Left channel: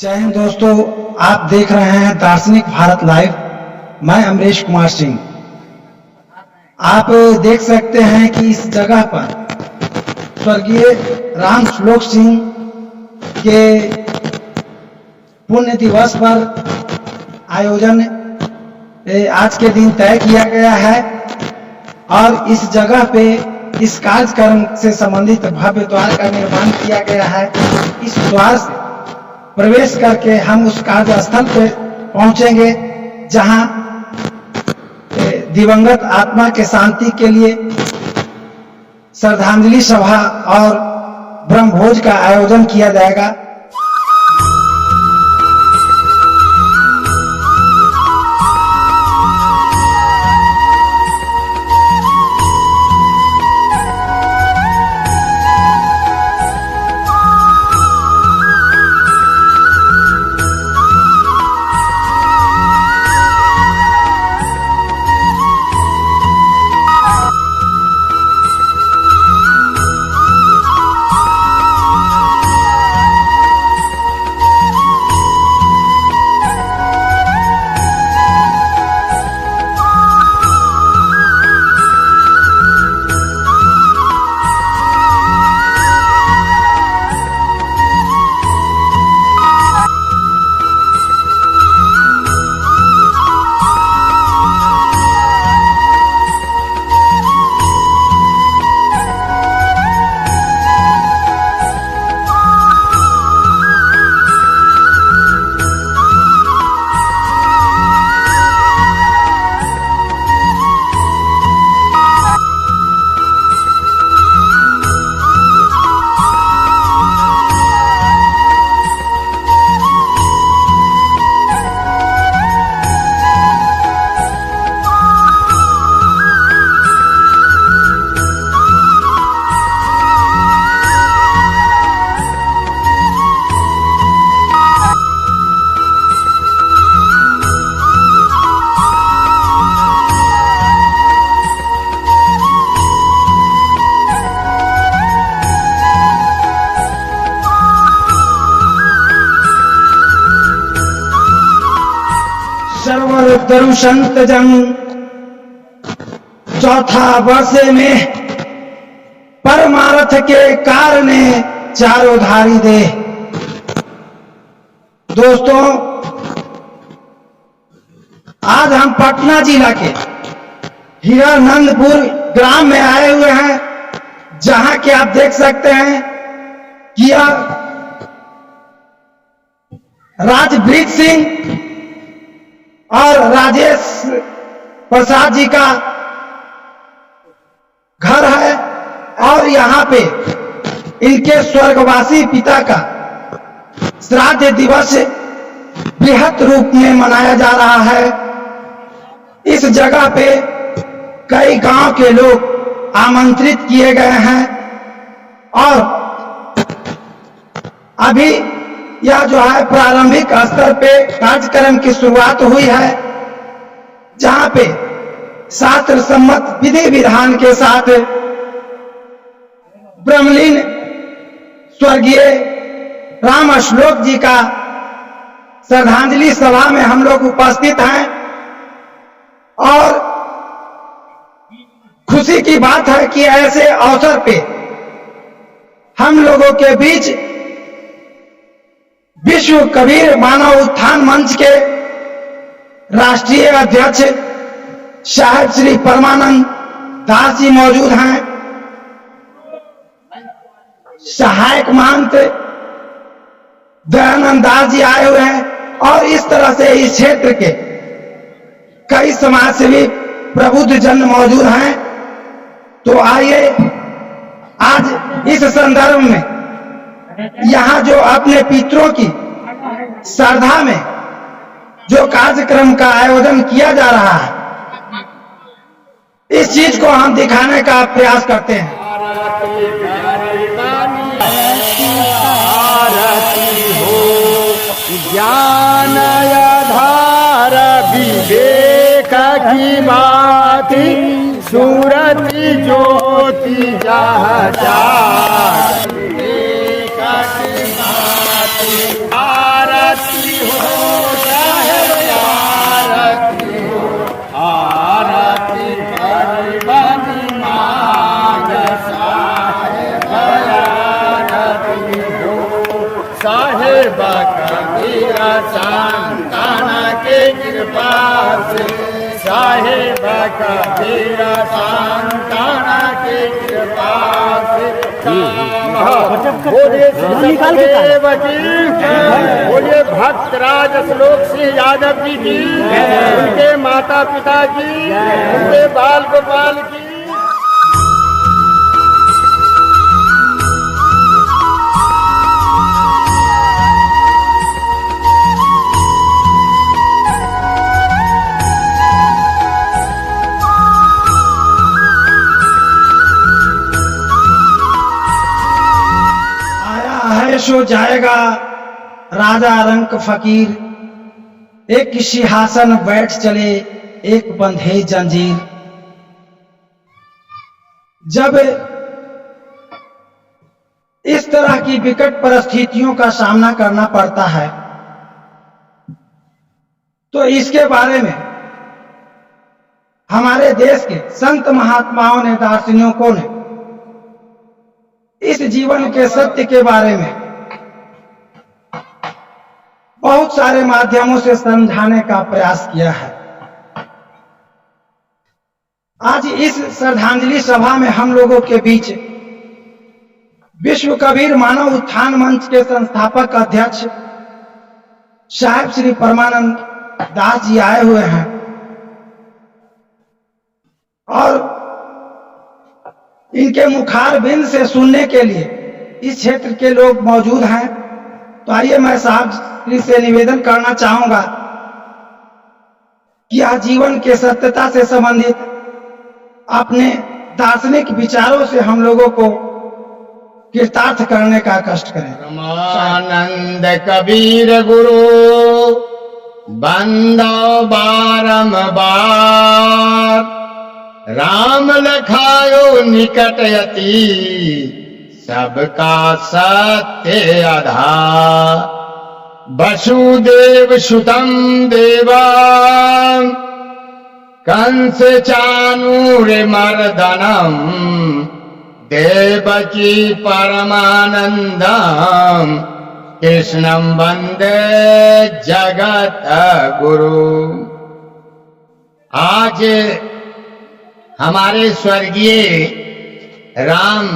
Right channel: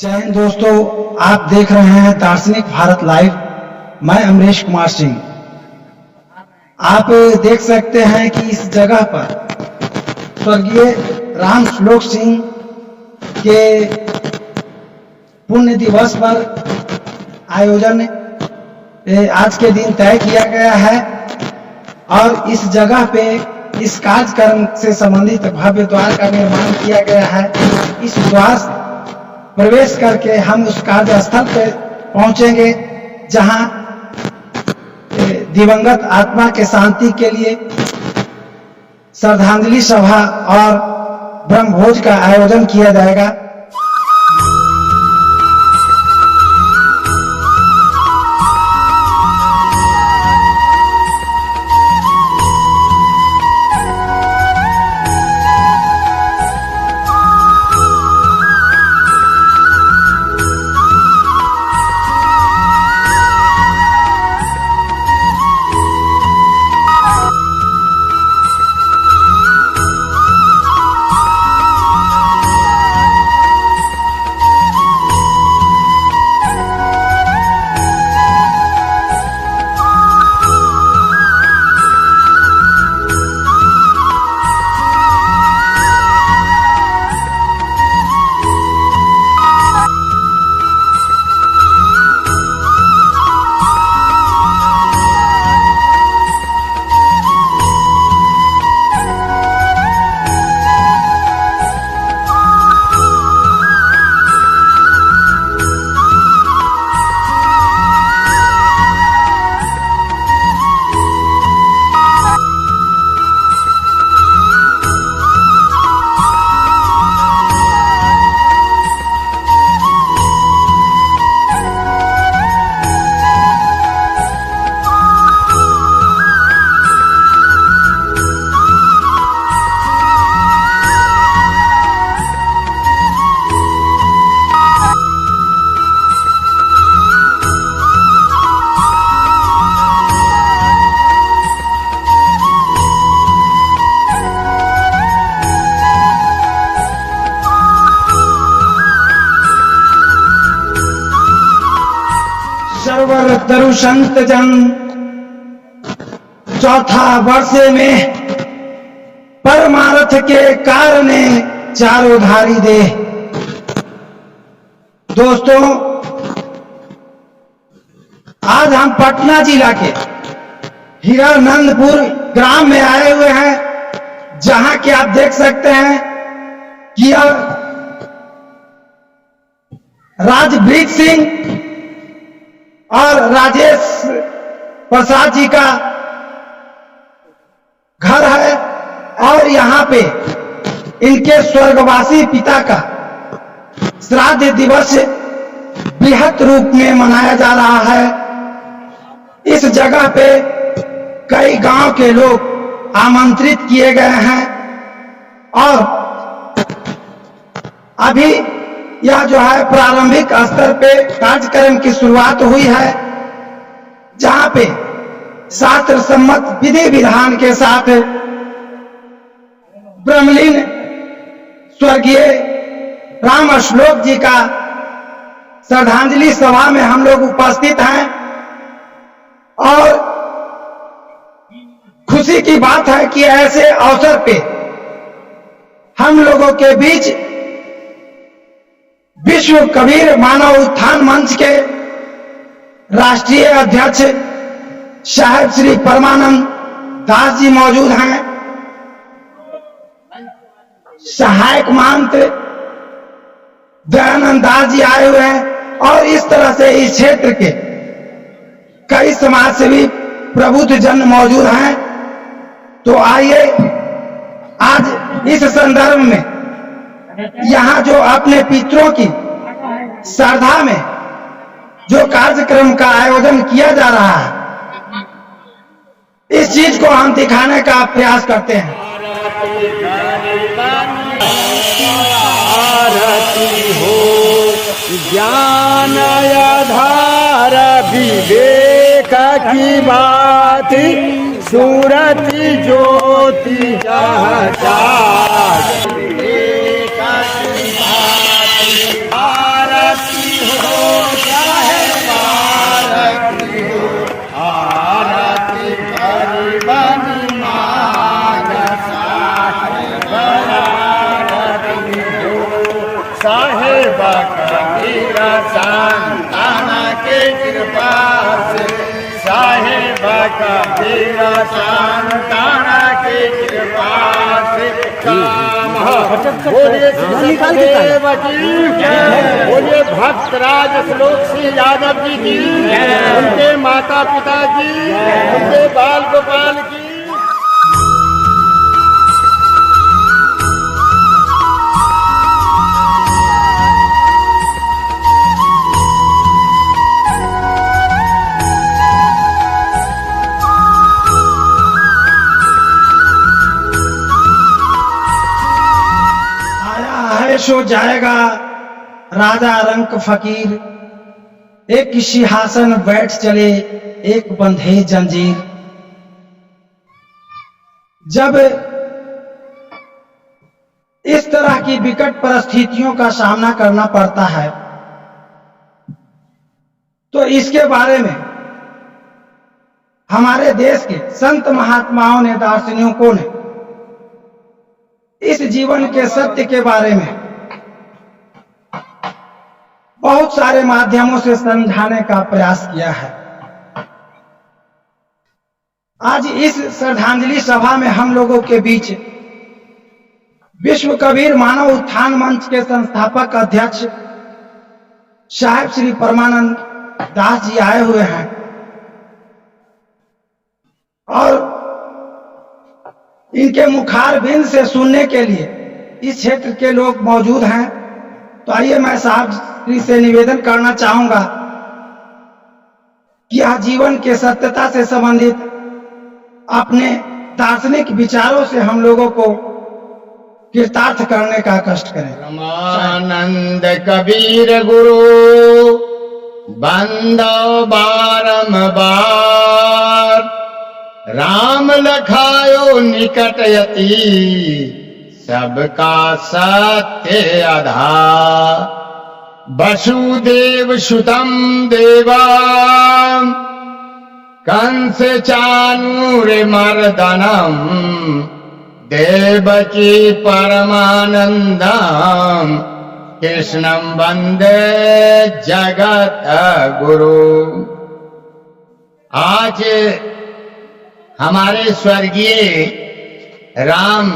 जय हिंद दोस्तों, आप देख रहे हैं दार्शनिक भारत लाइव। मैं अमरीश कुमार सिंह। आप देख सकते हैं कि इस जगह पर स्वर्गीय राम श्लोक सिंह के पुण्य दिवस पर आयोजन आज के दिन तय किया गया है और इस जगह पे इस कार्यक्रम से संबंधित भव्य द्वार का निर्माण किया गया है। इस द्वार से प्रवेश करके हम उस कार्यस्थल पे पहुंचेंगे जहां दिवंगत आत्मा के शांति के लिए श्रद्धांजलि सभा और ब्रह्मभोज का आयोजन किया जाएगा। सर्वर तरु संत जन चौथा वर्ष में परमार्थ के कारणे चारों धारी दे। दोस्तों, आज हम पटना जिला के हीरानंदपुर ग्राम में आए हुए हैं, जहां के आप देख सकते हैं कि राजवीर सिंह और राजेश प्रसाद जी का घर है और यहाँ पे इनके स्वर्गवासी पिता का श्राद्ध दिवस बृहत रूप में मनाया जा रहा है। इस जगह पे कई गांव के लोग आमंत्रित किए गए हैं और अभी यह जो है प्रारंभिक स्तर पे कार्यक्रम की शुरुआत हुई है, जहां पे शास्त्र सम्मत विधि विधान के साथ ब्रह्मलीन स्वर्गीय राम श्लोक जी का श्रद्धांजलि सभा में हम लोग उपस्थित हैं और खुशी की बात है कि ऐसे अवसर पे हम लोगों के बीच विश्व कबीर मानव उत्थान मंच के राष्ट्रीय अध्यक्ष साहब श्री परमानंद दास जी मौजूद हैं। सहायक महंत दयानंद दास जी आए हुए हैं और इस तरह से इस क्षेत्र के कई समाज सेवी प्रबुद्ध जन मौजूद हैं। तो आइए आज इस संदर्भ में यहाँ जो अपने पितरों की श्रद्धा में जो कार्यक्रम का आयोजन किया जा रहा है, इस चीज को हम दिखाने का प्रयास करते हैं। आरती हो ज्ञान आधार विवेक की बात, सूरती ज्योति जहाँ पितामह। बोलिए श्री सत्यदेव की, बोलिए भक्तराज श्लोक सिंह यादव जी की, उनके माता पिता की, उनके बाल गोपाल की। सो जाएगा राजा रंक फकीर, एक सिंहासन बैठ चले एक बंधे जंजीर। जब इस तरह की विकट परिस्थितियों का सामना करना पड़ता है तो इसके बारे में हमारे देश के संत महात्माओं ने, दार्शनिकों ने इस जीवन के सत्य के बारे में बहुत सारे माध्यमों से समझाने का प्रयास किया है। आज इस श्रद्धांजलि सभा में हम लोगों के बीच विश्व कबीर मानव उत्थान मंच के संस्थापक अध्यक्ष साहिब श्री परमानंद दास जी आए हुए हैं और इनके मुखारबिंद से सुनने के लिए इस क्षेत्र के लोग मौजूद हैं। तो आइए मैं साहब श्री से निवेदन करना चाहूंगा कि यह जीवन के सत्यता से संबंधित अपने दार्शनिक विचारों से हम लोगों को कृतार्थ करने का कष्ट करें। परमानंद कबीर गुरु बंदो बारंबार, राम लखायो निकटयति सबका सत्य आधार। वसुदेव सुतम देवा कंस चानूर मर्दनम, देवकी परमानंदम कृष्णम वंदे जगत गुरु। आज हमारे स्वर्गीय राम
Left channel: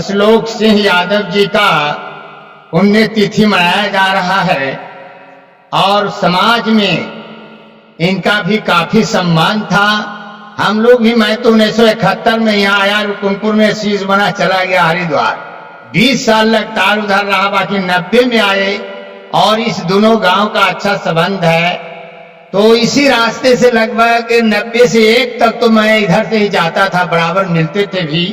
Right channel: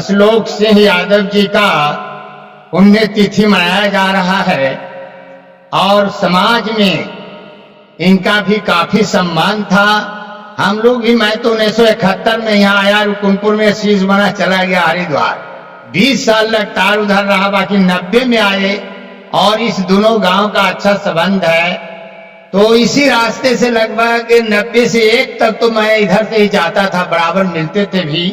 श्लोक सिंह यादव जी का पुण्यतिथि मनाया जा रहा है और समाज में इनका भी काफी सम्मान था। हम लोग भी, मैं तो 1971 में यहाँ आया, रुकुनपुर में शीश बना चला गया हरिद्वार, 20 साल लगातार उधर रहा, बाकी 90 में आए और इस दोनों गांव का अच्छा संबंध है। तो इसी रास्ते से लगभग 90 से 1 तक तो मैं इधर से ही जाता था, बराबर मिलते थे भी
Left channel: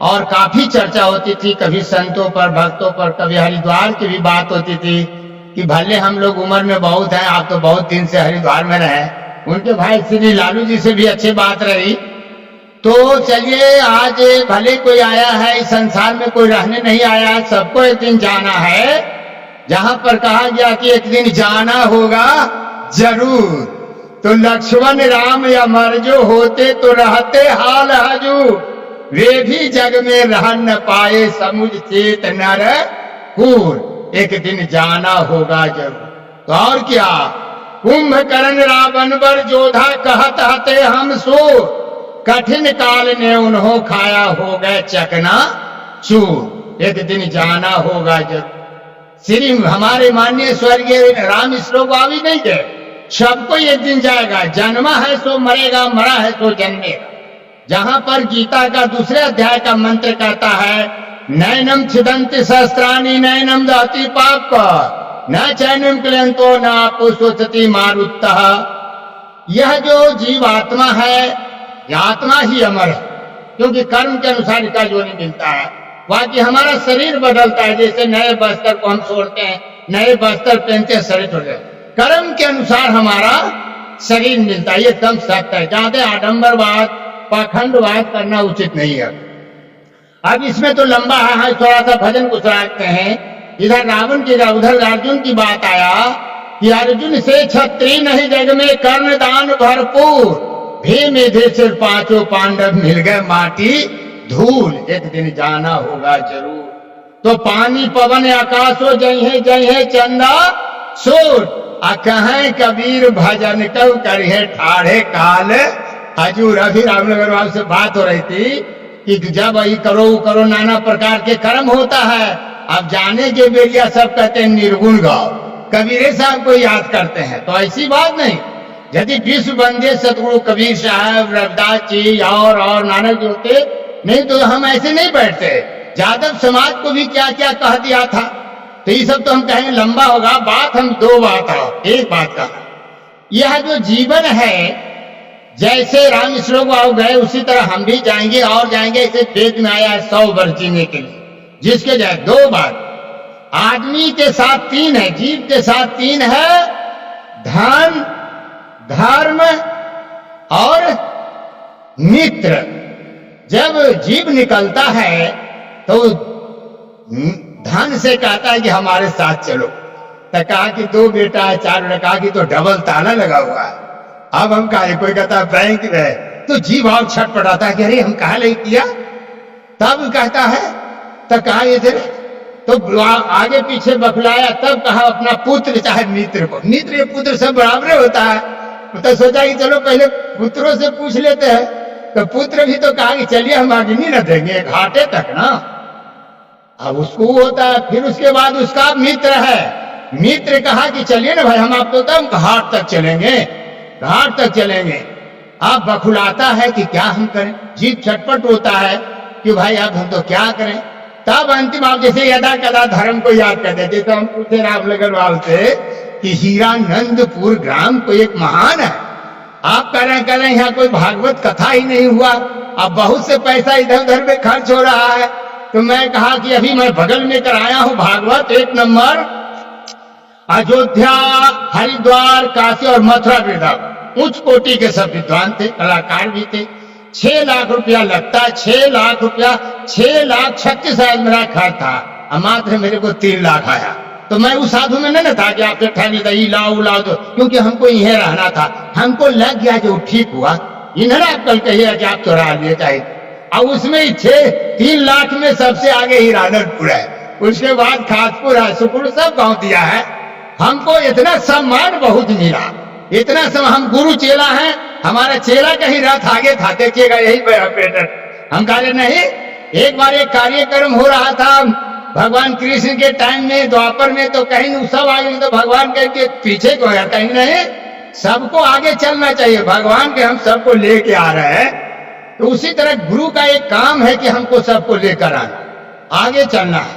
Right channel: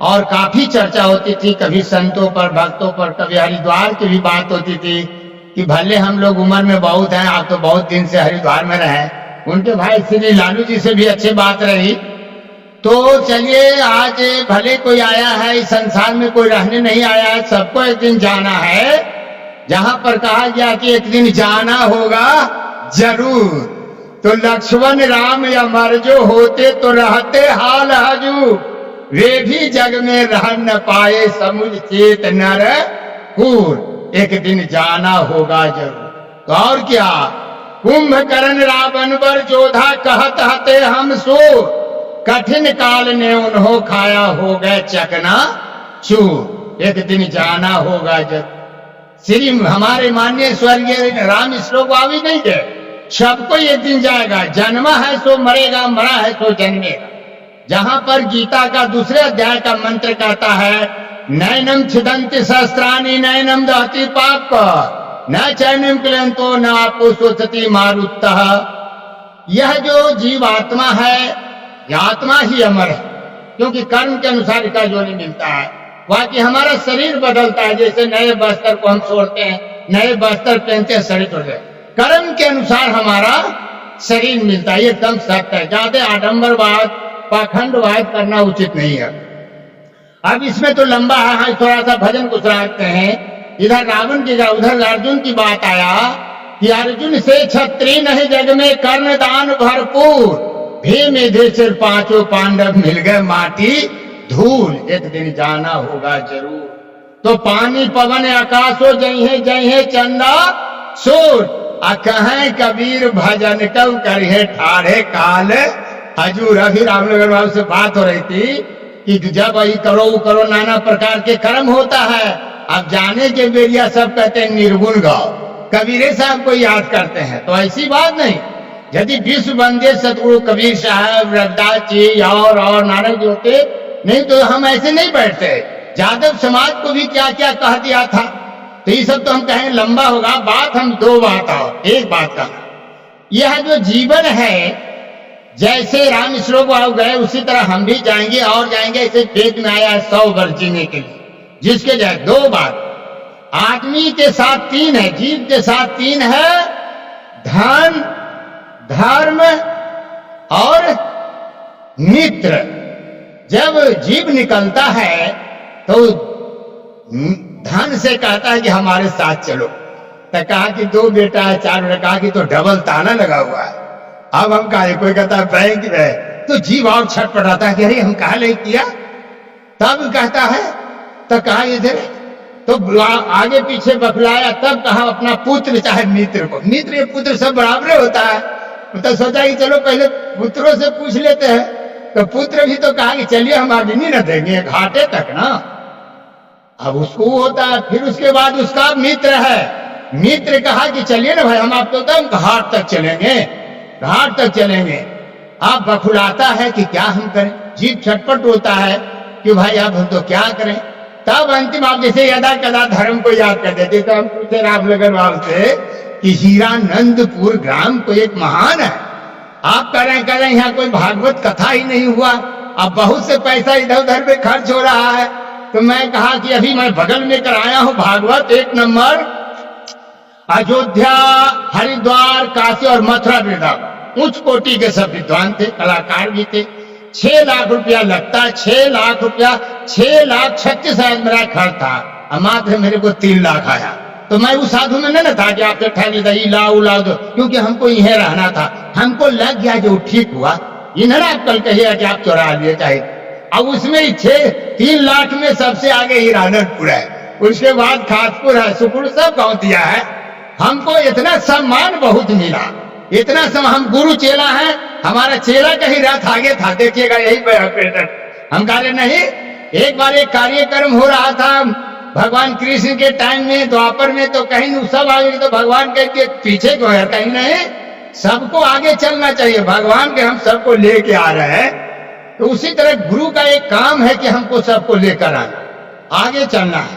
और काफी चर्चा होती थी, कभी संतों पर, भक्तों पर, कभी हरिद्वार की भी बात होती थी कि भले हम लोग उम्र में बहुत हैं, आप तो बहुत दिन से हरिद्वार में रहे। उनके भाई श्री लालू जी से भी अच्छी बात रही। तो चलिए, आज भले कोई आया है, इस संसार में कोई रहने नहीं आया है, सबको एक दिन जाना है। जहां पर कहा गया कि एक दिन जाना होगा जरूर, तो लक्ष्मण राम अमर जो होते तो रहते हाल हजूर, वे भी जग में रह न पाए समुझ चेत नर कूर, एक दिन जाना होगा जरूर। तो और क्या, कुंभकर्ण रावण बर जोधा कहत हते हम सो, कठिन काल ने उन्हों खाया हो गए चकना चूर, एक दिन जाना होगा जरूर। श्री हमारे माननीय स्वर्गीय राम श्लोक भी नहीं गए, सबको एक दिन जाएगा, जन्मा है सो मरेगा, मरा है सो जन्मेगा। जहां पर गीता का दूसरे अध्याय का मंत्र कहता है, नैनम छिदंति सहस्त्राणी नैनम दहति पाप, न चैनम क्लेंतो न आपो सोचती मारुतः। यह जो जीव आत्मा है, यह आत्मा ही अमर है, क्योंकि कर्म के अनुसार इसका जोनि मिलता है। बाकी हमारा शरीर बदलता है, जैसे नए वस्त्र को हम छोड़ते हैं, नए वस्त्र पहनते हैं, शरीर छोड़ते हैं, कर्म के अनुसार हमारा शरीर मिलता है। ये एकदम सत्य है, ज्यादा आडंबरवाद पाखंडवाद करना उचित नहीं है। अब इसमें तो लंबा है, थोड़ा सा भजन कुछ रखते हैं। इधर रावण की, उधर अर्जुन की बात आया कि अर्जुन से छत्री नहीं जग में, कर्ण दान भरपूर, भीम युधिष्ठिर पांचों पांडव मिल गए माटी धूल, एक दिन जाना होगा जरूर। तो पानी पवन आकाशो जय है चंदा सूर, कहें कबीर भजन कब करिए ठाढ़े काल हजूर। अभी रामनगर बाबू से बात हो रही थी कि जब ये करो वो करो, नाना प्रकार के कर्म होता है। अब जाने के बेरिया सब कहते हैं निर्गुण गाओ, कबीरे साहब को याद करते हैं, तो ऐसी बात नहीं। यदि विश्व बंदे सतगुरु कबीर साहब, रविदास जी और नानक जी होते, नहीं तो हम ऐसे नहीं बैठते। यादव समाज को भी क्या क्या कह दिया था, तो ये सब तो हम कहेंगे लंबा होगा। बात हम दो बात आओ, एक बात का, यह जो जीवन है, जैसे राम श्लोक बाबू गए उसी तरह हम भी जाएंगे और जाएंगे। इसे वेद में आया है 100 वर्ष जीने के लिए, जिसके जाए दो बात, आदमी के साथ तीन है, जीव के साथ तीन है, धन, धर्म और मित्र। जब जीव निकलता है तो धन से कहता है कि हमारे साथ चलो, तो कहा कि 2 बेटा है, 4 बेटा, कहा कि तो डबल ताला लगा हुआ है, अब हम कहा, कोई कहता है बैंक में, तो जीव और छटपटाता है कि अरे हम कहा नहीं किया। तब कहता है, तो कहा इधर, तो आगे पीछे बखलाया, तब कहा अपना पुत्र चाहे मित्र को, मित्र ये पुत्र सब बराबर होता है, तो सोचा कि चलो पहले पुत्रों से पूछ लेते हैं। तो पुत्र भी तो कहा कि चलिए हम अग्नि न देंगे घाटे तक ना, अब उसको होता है। फिर उसके बाद उसका मित्र है, मित्र कहा कि चलिए ना भाई हम आपको तो घाट तक चलेंगे, घाट तक चलेंगे। अब बखुलाता है कि क्या हम करें, जीव छटपट होता है कि भाई अब हम तो क्या करें। तब अंतिम आप जैसे यदा कदा धर्म को याद कर देते, तो हम पूछे रामनगर बाबू से कि हीरानंदपुर ग्राम को एक महान है, आप कह रहे हैं यहाँ कोई भागवत कथा ही नहीं हुआ, अब बहुत से पैसा इधर उधर में खर्च हो रहा है। तो मैं कहा कि अभी मैं बगल में कराया हूं भागवत 1 नंबर, अयोध्या, हरिद्वार, काशी और मथुरा वृंदावन, उच्च कोटि के सब विद्वान थे, कलाकार भी थे। 6 लाख रुपया लगता है, 6 लाख रुपया, 6,36,000 मेरा खर्च था, और मात्र मेरे को 3 लाख आया। तो मैं उस साधु में नहीं था कि आपसे ठग लेता, ये लाओ लाओ दो, क्योंकि हमको यहीं रहना था। हमको लग गया जो ठीक हुआ, ये ना आप कल कहिएगा कि आप चुरा लिए चाहे। और उसमें 3 लाख में सबसे आगे हीरानंदपुर है, उसके बाद खासपुर है, सुपुर, सब गांव दिया है। हमको इतना सम्मान बहुत मिला, इतना हम गुरु चेला हैं, हमारा चेला का ही रथ आगे था, देखिएगा यही ऑपरेटर। हम कह रहे नहीं, एक बार एक कार्यक्रम हो रहा था भगवान कृष्ण के टाइम में, द्वापर में, तो कहीं सब आगे, तो भगवान के पीछे को है, कहीं नहीं, सबको आगे चलना चाहिए, भगवान के हम सबको लेके आ रहे हैं। तो उसी तरह गुरु का एक काम है कि हमको सबको लेकर आना, आगे चलना है।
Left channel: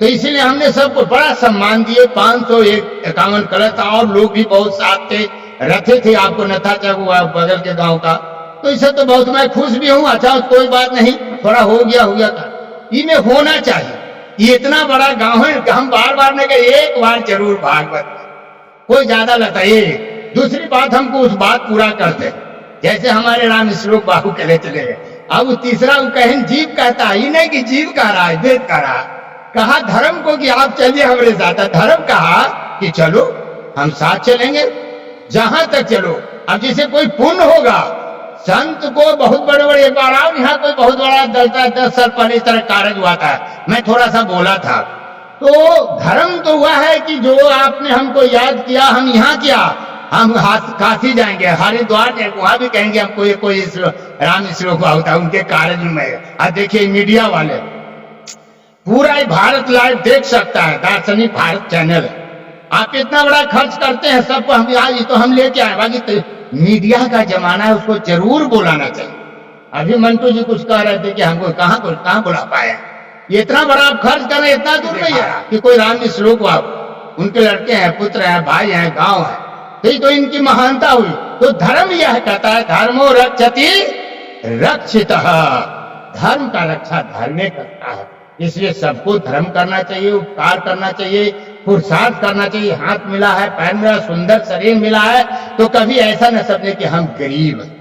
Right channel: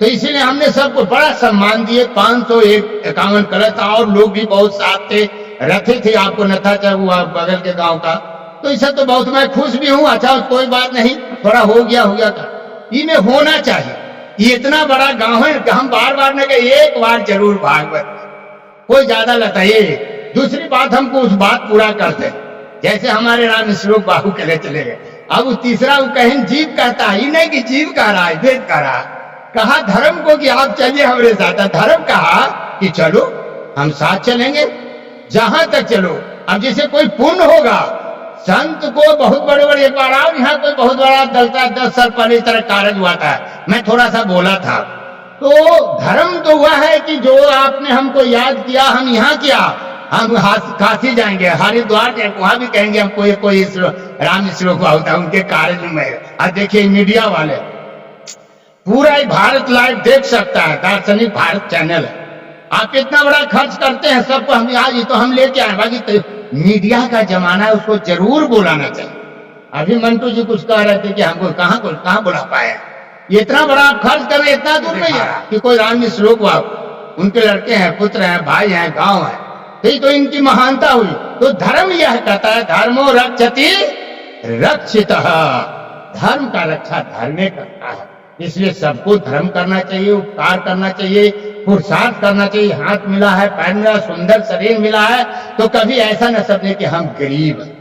तो इसीलिए हमने सबको बड़ा सम्मान दिए, 551 कलश था, और लोग भी बहुत साथ थे, रथे थे, आपको नथा चगुआ बगल के गांव का। तो इससे तो बहुत मैं खुश भी हूं। अच्छा कोई बात नहीं, थोड़ा हो गया था, इनमें होना चाहिए। ये इतना बड़ा गांव है, हम बार बार ने कहा एक बार जरूर भागवत, कोई ज्यादा लता। ये दूसरी बात, हमको उस बात पूरा करते, जैसे हमारे राम श्लोक बाहू के लिए चले गए। अब तीसरा वो कहें जीव कहता है, नहीं कि जीव कह रहा है, वेद कह रहा, कहा धर्म को कि आप चलिए हमारे साथ, धर्म कहा कि चलो हम साथ चलेंगे, जहां तक चलो। अब जैसे कोई पुण्य होगा, संत को बहुत बड़े बड़े, एक बार आओ यहाँ कोई बहुत बड़ा दलता, 10 साल पहले इस तरह कार्य हुआ था, मैं थोड़ा सा बोला था। तो धर्म तो हुआ है कि जो आपने हमको याद किया, हम यहाँ किया, हम काशी जाएंगे, हरिद्वार जाएंगे, वहां भी कहेंगे हमको ये कोई राम श्लोक होता है, उनके कार्य में। आज देखिए मीडिया वाले पूरा ही भारत लाइव देख सकता है, दार्शनिक भारत चैनल है, आप इतना बड़ा खर्च करते हैं सबको, हम आज तो हम लेके आए। बाकी तो मीडिया का जमाना है, उसको जरूर बुलाना चाहिए। अभी मंटू जी कुछ कह रहे थे कि हमको कहाँ बुला पाए, ये इतना बड़ा आप खर्च कर रहे हैं, इतना दूर नहीं है कि कोई राम श्लोक बाबू, उनके लड़के हैं, पुत्र हैं, भाई हैं, गांव है, तो इनकी महानता हुई। तो धर्म यह कहता है, धर्मो रक्षति रक्षितः, धर्म का रक्षा धर्म करता है। इसलिए सबको धर्म करना चाहिए, उपकार करना चाहिए, पुरुषार्थ करना चाहिए। हाथ मिला है, पैर मिला, सुंदर शरीर मिला है, तो कभी ऐसा न समझे कि हम गरीब हैं,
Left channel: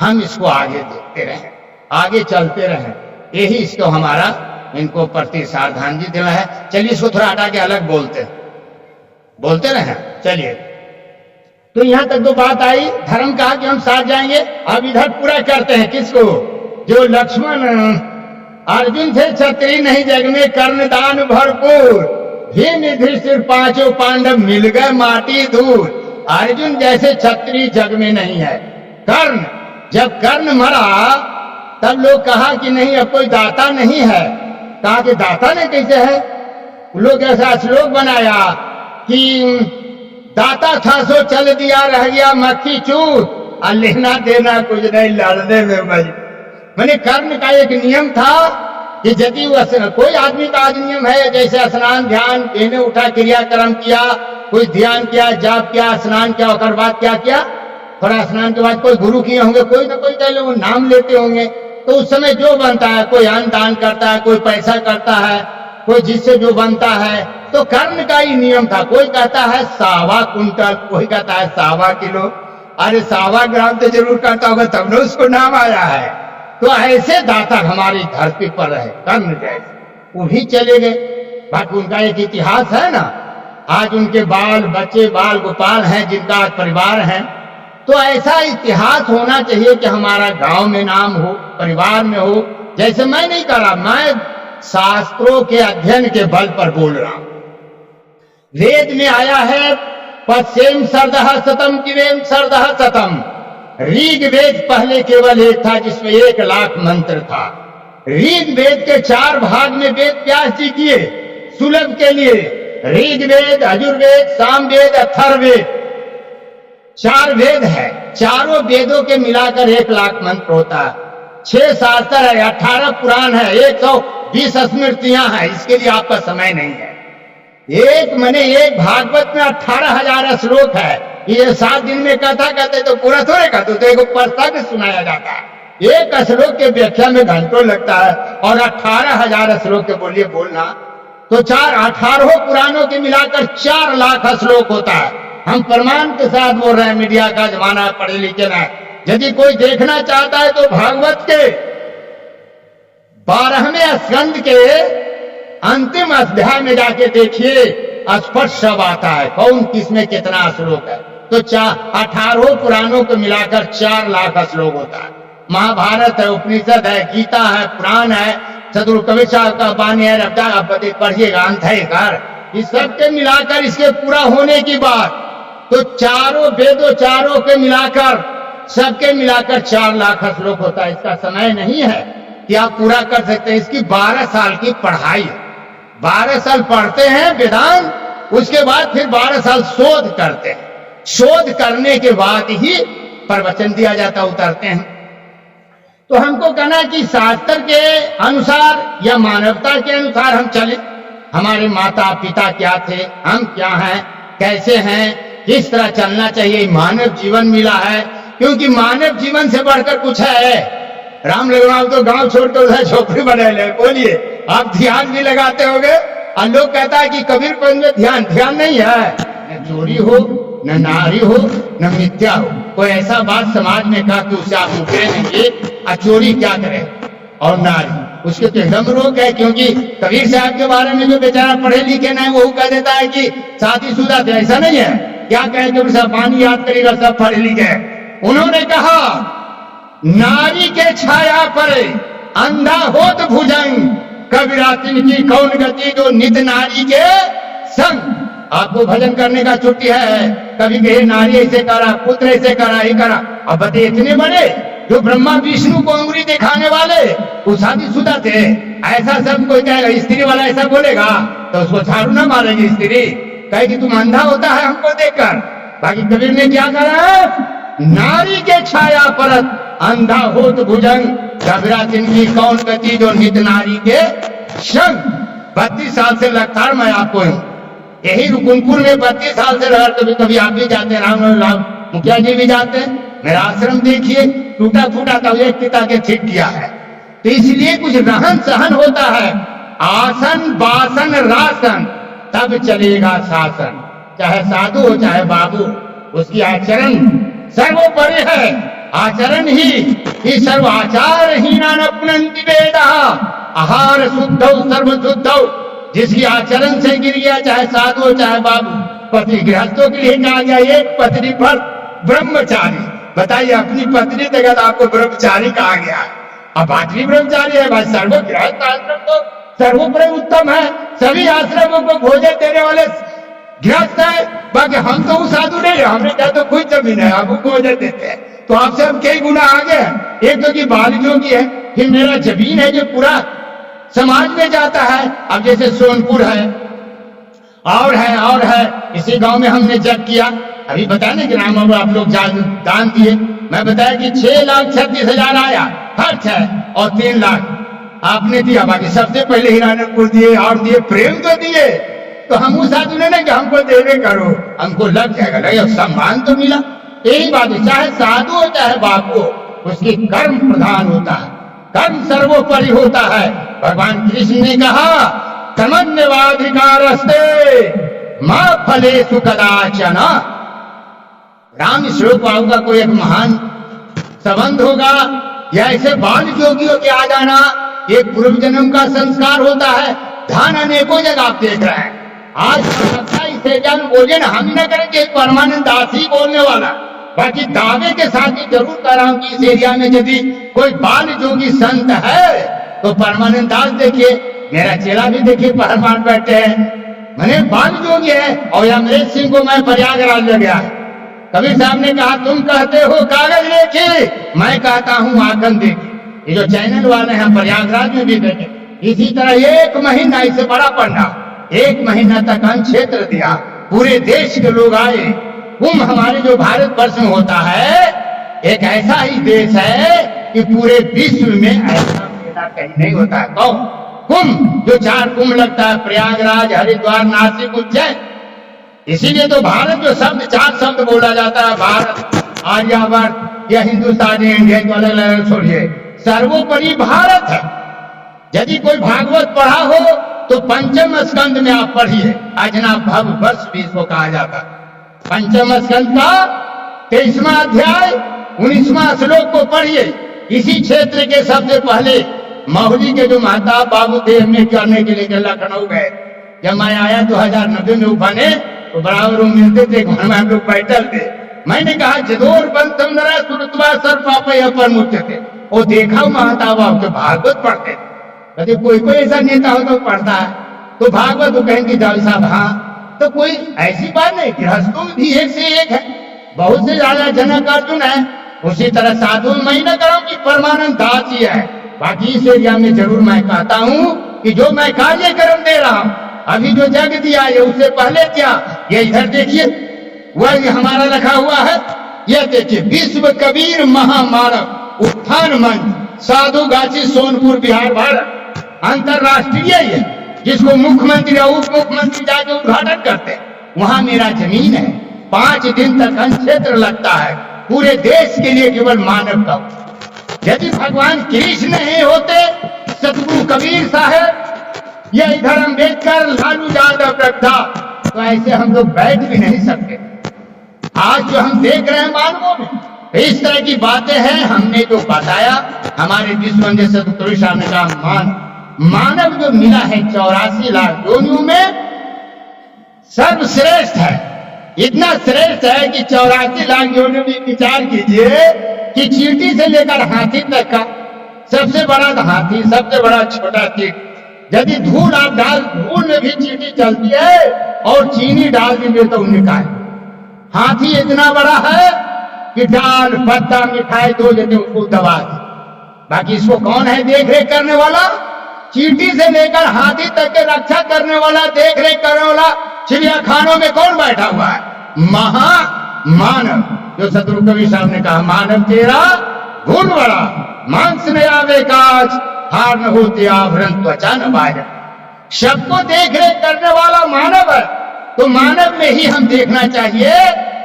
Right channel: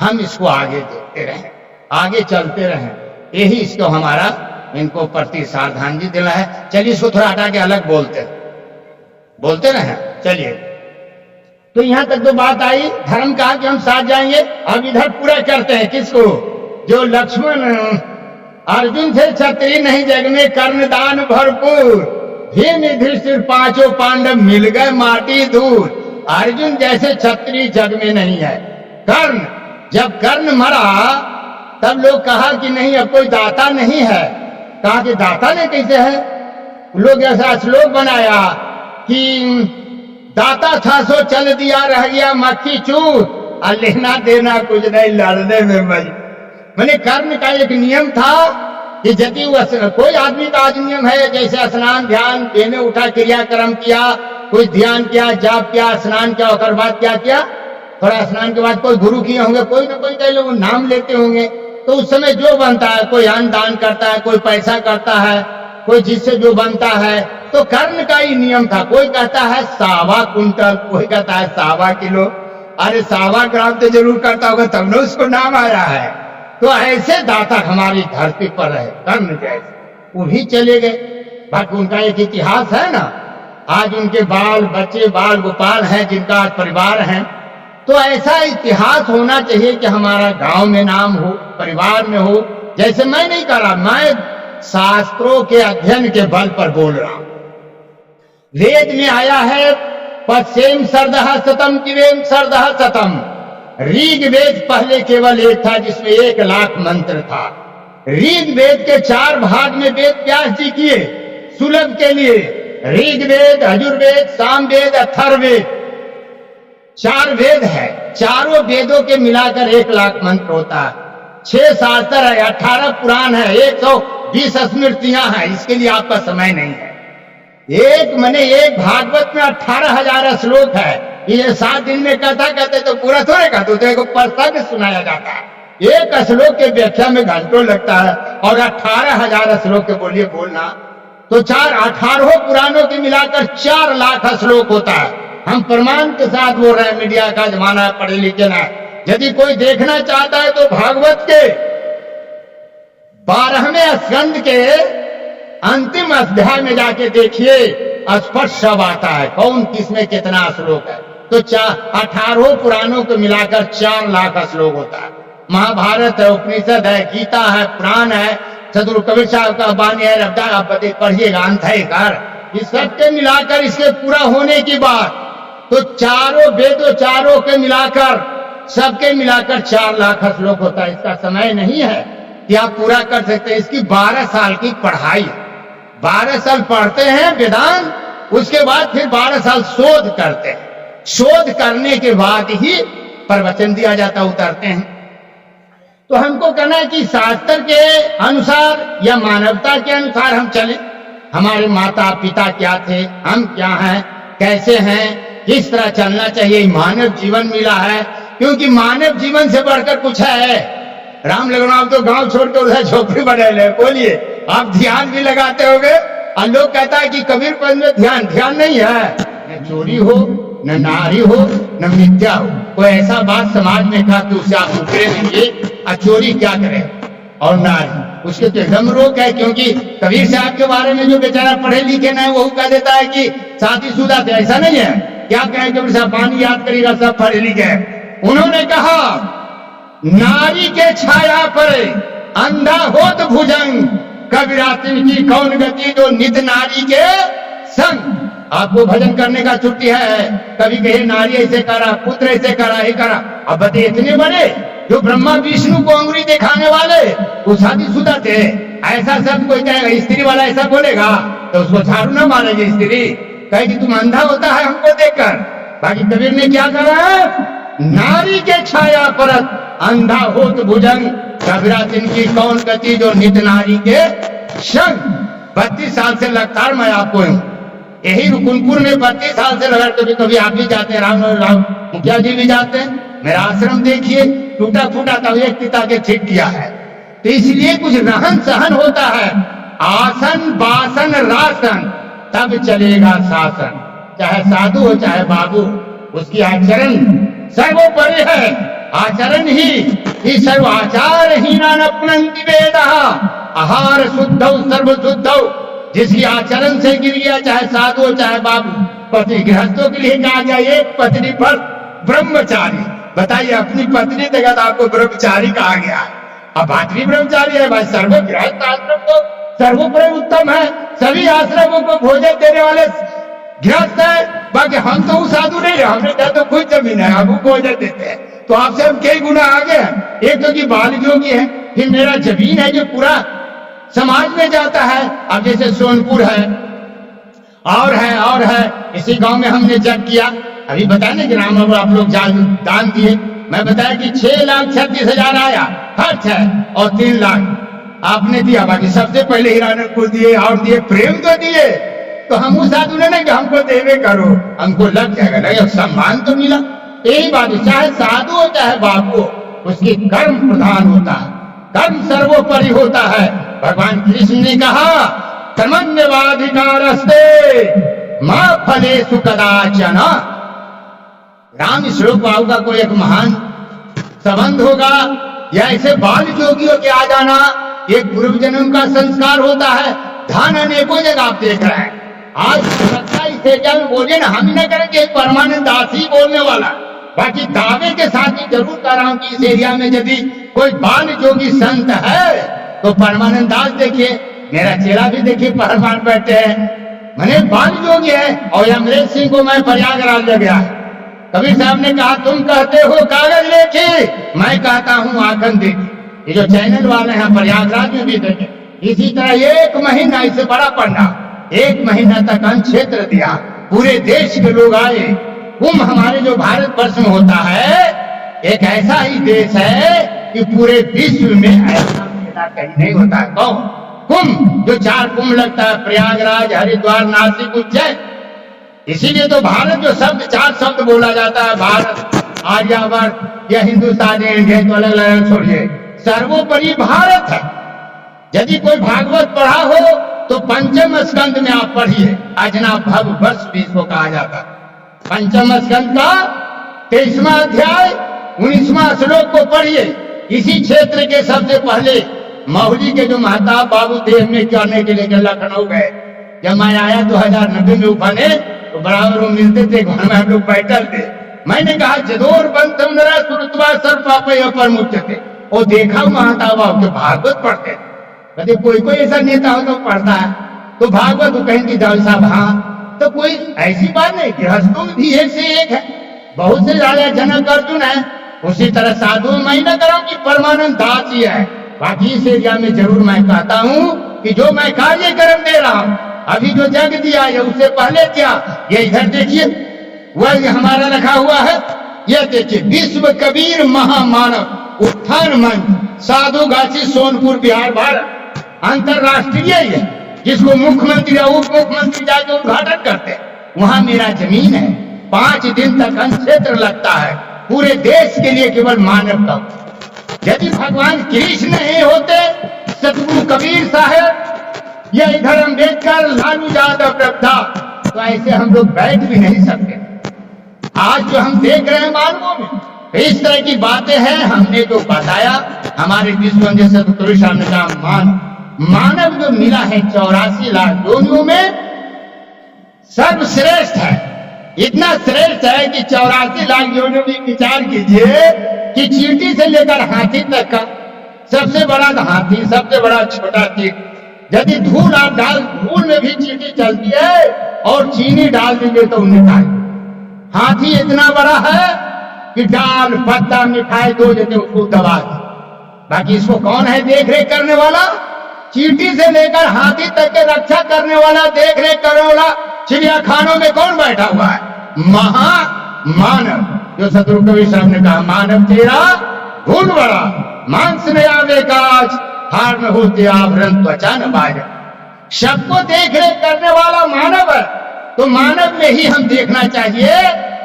हम इसको आगे देखते रहें, आगे चलते रहें। यही इसको हमारा इनको प्रति श्रद्धांजलि दिला है। चलिए इसको थोड़ा हटा के अलग बोलते रहें। चलिए, तो यहां तक तो बात आई, धर्म कहा कि हम साथ जाएंगे। अब इधर पूरा करते हैं किसको, जो लक्ष्मण अर्जुन थे, क्षत्रिय नहीं जग में, कर्णदान भरपूर, भीम युधिष्ठिर 5 पांडव मिल गए माटी दूर। अर्जुन जैसे क्षत्रिय जग में नहीं है। कर्ण, जब कर्ण मरा तब लोग कहा कि नहीं अब कोई दाता नहीं है। कहा कि दाता ने कैसे है? लोग ऐसा श्लोक बनाया कि दाता था सो चल दिया रह गया मक्खी चूत, और लेना देना कुछ नहीं लड़ने में मैंने कर्ण का एक नियम था कि यदि कोई आदमी का आज नियम है, जैसे स्नान ध्यान देने उठा क्रियाक्रम किया, कोई ध्यान किया, जाप किया, स्नान किया, और बाद क्या किया, थोड़ा स्नान के बाद कोई गुरु किए होंगे, कोई ना कोई कह लो नाम लेते होंगे, तो उस समय जो बनता है, कोई अन्न दान करता है, कोई पैसा करता है, कोई जिससे जो बनता है। तो कर्ण का ही नियम था। कोई कहता है 1.25 कुंटल, कोई कहता है 1.25 किलो। अरे 1.25 ग्राम तो जरूर करता होगा, तब न उसको नाम आया है। तो ऐसे दाता हमारी धरती पर रहे, कर्ण जैसे, वो भी चले गए। बाकी उनका एक इतिहास है ना, आज उनके बाल बच्चे बाल गोपाल हैं, जिनका आज परिवार है। तो ऐसा इतिहास होना चाहिए कि हमारा गांव में नाम हो, परिवार में हो। जैसे मैं नहीं कर रहा, मैं शास्त्रों के अध्ययन के बल पर बोल रहा हूं। वेद में आया है पश्चिम सर्दह शतम किवेम सर्दह शतम। ऋग वेद पहले केवल एक था, जिसमें 1 लाख मंत्र था। ऋग वेद के 4 भाग में वेद व्यास जी किए सुलभ के लिए। ऋग वेद, यजुर्वेद, सामवेद, अथर्ववेद, 4 वेद है। चारों वेदों के मिलाकर 1 लाख मंत्र होता है। 6 शास्त्र है, 18 पुराण है, 120 स्मृतियां हैं। इसके लिए आपका समय नहीं है। एक भागवत में 18,000 श्लोक है। ये 7 दिन में कथा कहते तो पूरा थोड़े कहते, तो एक प्रसंग सुनाया जाता है। एक श्लोक के व्याख्या में घंटों लगता है, और 18,000 श्लोक के बोलिए बोलना, तो 18 पुराणों के मिलाकर 4 लाख श्लोक होता है। हम प्रमाण के साथ बोल रहे हैं, मीडिया का जमाना है, पढ़े लिखे ना। यदि कोई देखना चाहता है तो भागवत के 12वें स्कंद के अंतिम अध्याय में जाके देखिए, स्पष्ट सब आता है कौन किसमें कितना श्लोक है। तो 18 पुराणों को मिलाकर 4 लाख श्लोक होता है। महाभारत है, उपनिषद है, गीता है, पुराण है, चतुर कबीर साहब का वाणी है, रफ्ता आप पढ़िएगा, अंत है कर। इस सबके मिलाकर इसके पूरा होने की बात, तो चारों वेदों चारों के मिलाकर सबके मिलाकर 4 लाख श्लोक होता है। इसका समय नहीं है कि आप पूरा कर सकते हैं। इसकी 12 साल की पढ़ाई है। 12 साल पढ़ते हैं वेदांत, उसके बाद फिर 12 साल शोध करते हैं। शोध करने के बाद ही प्रवचन दिया जाता, उतरते हैं। तो हमको कहना कि शास्त्र के अनुसार या मानवता के अनुसार हम चले। हमारे माता पिता क्या थे, हम क्या हैं, कैसे हैं, किस तरह चलना चाहिए। मानव जीवन मिला है, क्योंकि मानव जीवन से बढ़कर कुछ है। राम लगन आप तो गांव छोड़कर उधर झोपड़ी बना ले, बोलिए आप ध्यान भी लगाते होंगे। और लोग कहता है कि कबीरपंथ में ध्यान नहीं है। न चोरी हो, न नारी हो, न मिथ्या हो। कोई ऐसा बात समाज में कहा कि उसे आप मुकरे नहीं, और चोरी क्या करे, और नारी, उसके तो एकदम रोक है। क्योंकि कबीर साहब के बारे में जो बेचारा पढ़े लिखे नहीं, वो कह देता है कि शादीशुदा थे। ऐसा नहीं है। क्या कहें कबीर साहब, पानी याद करेगा, सब पढ़े लिखे। उन्होंने कहा नारी के छाया पर अंधा होत भुजंग, कबीरातिन की कौन गति जो नित नारी के संग। आपको भजन करने का छुट्टी है, कभी कहे नारी ऐसे करा, पुत्र ऐसे करा, ही करा। अब बते इतने बड़े जो ब्रह्मा विष्णु को अंगुली दिखाने वाले, वो शादीशुदा थे। ऐसा सब कोई कहेगा, स्त्री वाला ऐसा बोलेगा तो उसको झाड़ू ना मारेगी स्त्री, कहे कि तुम अंधा होता है हमको देखकर। बाकी कबीर ने क्या करा, नारी के छाया परत अंधा होत भुजंग, कबीरातिन की कौन गति जो नित नारी के संग। 32 साल से लगातार मैं आपको हूं, यही रुकुनपुर में 32 साल से लगा। कभी कभी आप भी जाते हैं, राम मुखिया जी भी जाते हैं। मेरा आश्रम देखिए, टूटा फूटा था, एक पिता के ठीक किया है। तो इसलिए कुछ रहन सहन होता है। आसन बासन रासन, तब चलेगा शासन। चाहे साधु हो चाहे बाबू, उसकी आचरण सर्वोपरि है। आचरण ही सर्व आचार हीना अपनंति वेद, आहार शुद्ध सर्व शुद्ध। जिसकी आचरण से गिर गया, चाहे साधु हो चाहे बाबू। पति गृहस्थों के लिए कहा गया एक पत्नी पर ब्रह्मचारी। बताइए, अपनी पत्नी देगा तो आपको ब्रह्मचारी कहा गया। अब बात भी ब्रह्मचारी है भाई। सर्व गृहस्थ आश्रम तो सर्वोपरि उत्तम है। सभी आश्रमों को भोजन देने वाले गृहस्थ है। बाकी हम तो वो साधु नहीं है, हमने क्या तो खुद जमीन है, हम भोजन देते हैं। तो आपसे हम कई गुना आगे हैं। एक तो की बालियों की है, फिर मेरा जमीन है जो पूरा समाज में जाता है। अब जैसे सोनपुर है और है, इसी गांव में हमने जग किया, अभी बताया ना कि राम बाबू आप लोग दान दिए, मैं बताया कि 6,36,000 आया खर्च है और 3 लाख आपने दिया, बाकी सबसे पहले हिरानपुर दिए और दिए, प्रेम तो दिए, तो हम उस साधु ने कि हमको देवे करो, हमको लग जाएगा, लगे सम्मान तो मिला। यही बात है, चाहे साधु हो चाहे बापू हो, उसकी कर्म प्रधान होता है, कर्म सर्वोपरि होता है। भगवान कृष्ण ने कहा कर्मण्येवाधिकारस्ते मा फलेषु कदाचन। राम श्लोक बाबू का कोई एक महान संबंध होगा, या ऐसे बाल जोगियों के आ जाना एक पूर्व जन्म का संस्कार होता है। ध्यान अनेकों जगह आप देख रहे हैं। आज इस एरिया में बोलिए ना, हम ही ना करेंगे, परमानंद दास ही बोलने वाला, बाकी दावे के साथ ही जरूर कह रहा हूं कि इस एरिया में यदि कोई बाल जोगी संत है तो परमानंद दास देखिए, मेरा चेला भी देखिए परमान बैठे हैं, मैंने बाल जोगी है। और अमरेश सिंह को मैं प्रयागराज ले गया, कबीर साहब ने कहा तुम कहते हो कागज लेके, मैं कहता हूं आंखन देखी। ये जो चैनल वाले हैं प्रयागराज में भी देखे, इसी तरह 1 महीना, इससे बड़ा पंडा 1 महीना तक अन्न क्षेत्र दिया, पूरे देश के लोग आए। कुंभ हमारे जो भारत वर्ष में होता है, एक ऐसा ही देश है कि पूरे विश्व में ऐसा मेला कहीं नहीं होता है। कौन? कुंभ, जो 4 कुंभ लगता है, प्रयागराज, हरिद्वार, नासिक, उज्जैन। इसीलिए तो भारत जो शब्द 4 शब्द बोला जाता है, भारत, आर्यावर्त या हिंदुस्तान, इंडिया, तो अलग अलग छोड़िए, सर्वोपरि भारत है। यदि कोई भागवत पढ़ा हो तो 5वें स्कंद में आप पढ़िए, अजना भव वर्ष भी इसको कहा जाता है। 5वें स्कंद का 23वां अध्याय 19वां श्लोक को पढ़िए। इसी क्षेत्र के सबसे पहले माहुली के जो महताब बाबू थे, हमने करने के लिए लखनऊ गए। जब मैं आया 2090 में उफाने, तो बराबर वो मिलते थे, घर में हम लोग बैठल थे। मैंने कहा जदोर बंतम नरा सुरतवा सर पापे अपर मुच्य थे। वो देखा महताब बाबू के भागवत पढ़ते थे, कहते कोई कोई ऐसा नेता हो तो पढ़ता है, तो भागवत वो कहेंगे जाओ साहब, हाँ, तो कोई ऐसी बात नहीं, गृहस्थों में भी एक से एक है, बहुत से ज्यादा जनक अर्जुन है। उसी तरह साधु मैं न कराऊं कि परमानंद दास ही है। बाकी इस एरिया में जरूर मैं कहता हूं कि जो मैं कार्यक्रम दे रहा हूं, अभी जो जग दिया ये उससे पहले क्या, ये इधर देखिए, वह हमारा रखा हुआ है, यह देखिए, विश्व कबीर महामानव उत्थान मंच, साधुगाछी, सोनपुर, बिहार, भारत, अंतरराष्ट्रीय है, जिसको मुख्यमंत्री और उप मुख्यमंत्री जाके उद्घाटन करते हैं। वहां मेरा जमीन है, 5 दिन तक अन्न क्षेत्र लगता है, पूरे देश के लिए केवल मानव का। यदि भगवान कृष्ण नहीं होते, सतगुरु कबीर साहब या इधर अम्बेडकर, लालू यादव, रब्दा, तो ऐसे हम लोग बैठ भी नहीं सकते। आज जो हम देख रहे हैं मानवों में इस तरह की बातें हैं, हमने जो बताया, हमारे विश्व सतगुरु साहब ने कहा मानव जो मिला है 84 लाख योनियों में सर्वश्रेष्ठ है। इतना श्रेष्ठ है कि 84 लाख योनियों में विचार कीजिए कि चींटी से लेकर हाथी तक का, सबसे बड़ा हाथी, सबसे बड़ा छोटा चींटी, यदि धूल आप डाल, धूल में भी चींटी चलती है और चीनी डाल दीजिए तो निकाल। हाथी इतना बड़ा है कि डाल, पत्ता, मिठाई दो जैसे उसको दबा दे। बाकी इसको कौन है देख रेख करने वाला? चींटी से लेकर हाथी तक के रक्षा करने वाला, देख रेख करने वाला चिड़िया खानों में कौन बैठा हुआ है? महामानव। जो सतगुरु कबीर साहब ने कहा, मानव तेरा गुण बड़ा, मांस न आवे काज, हार न होते आवरण, त्वचा न बाज। सबको देख रेख करने वाला मानव है, तो मानव में ही हम देखना चाहिए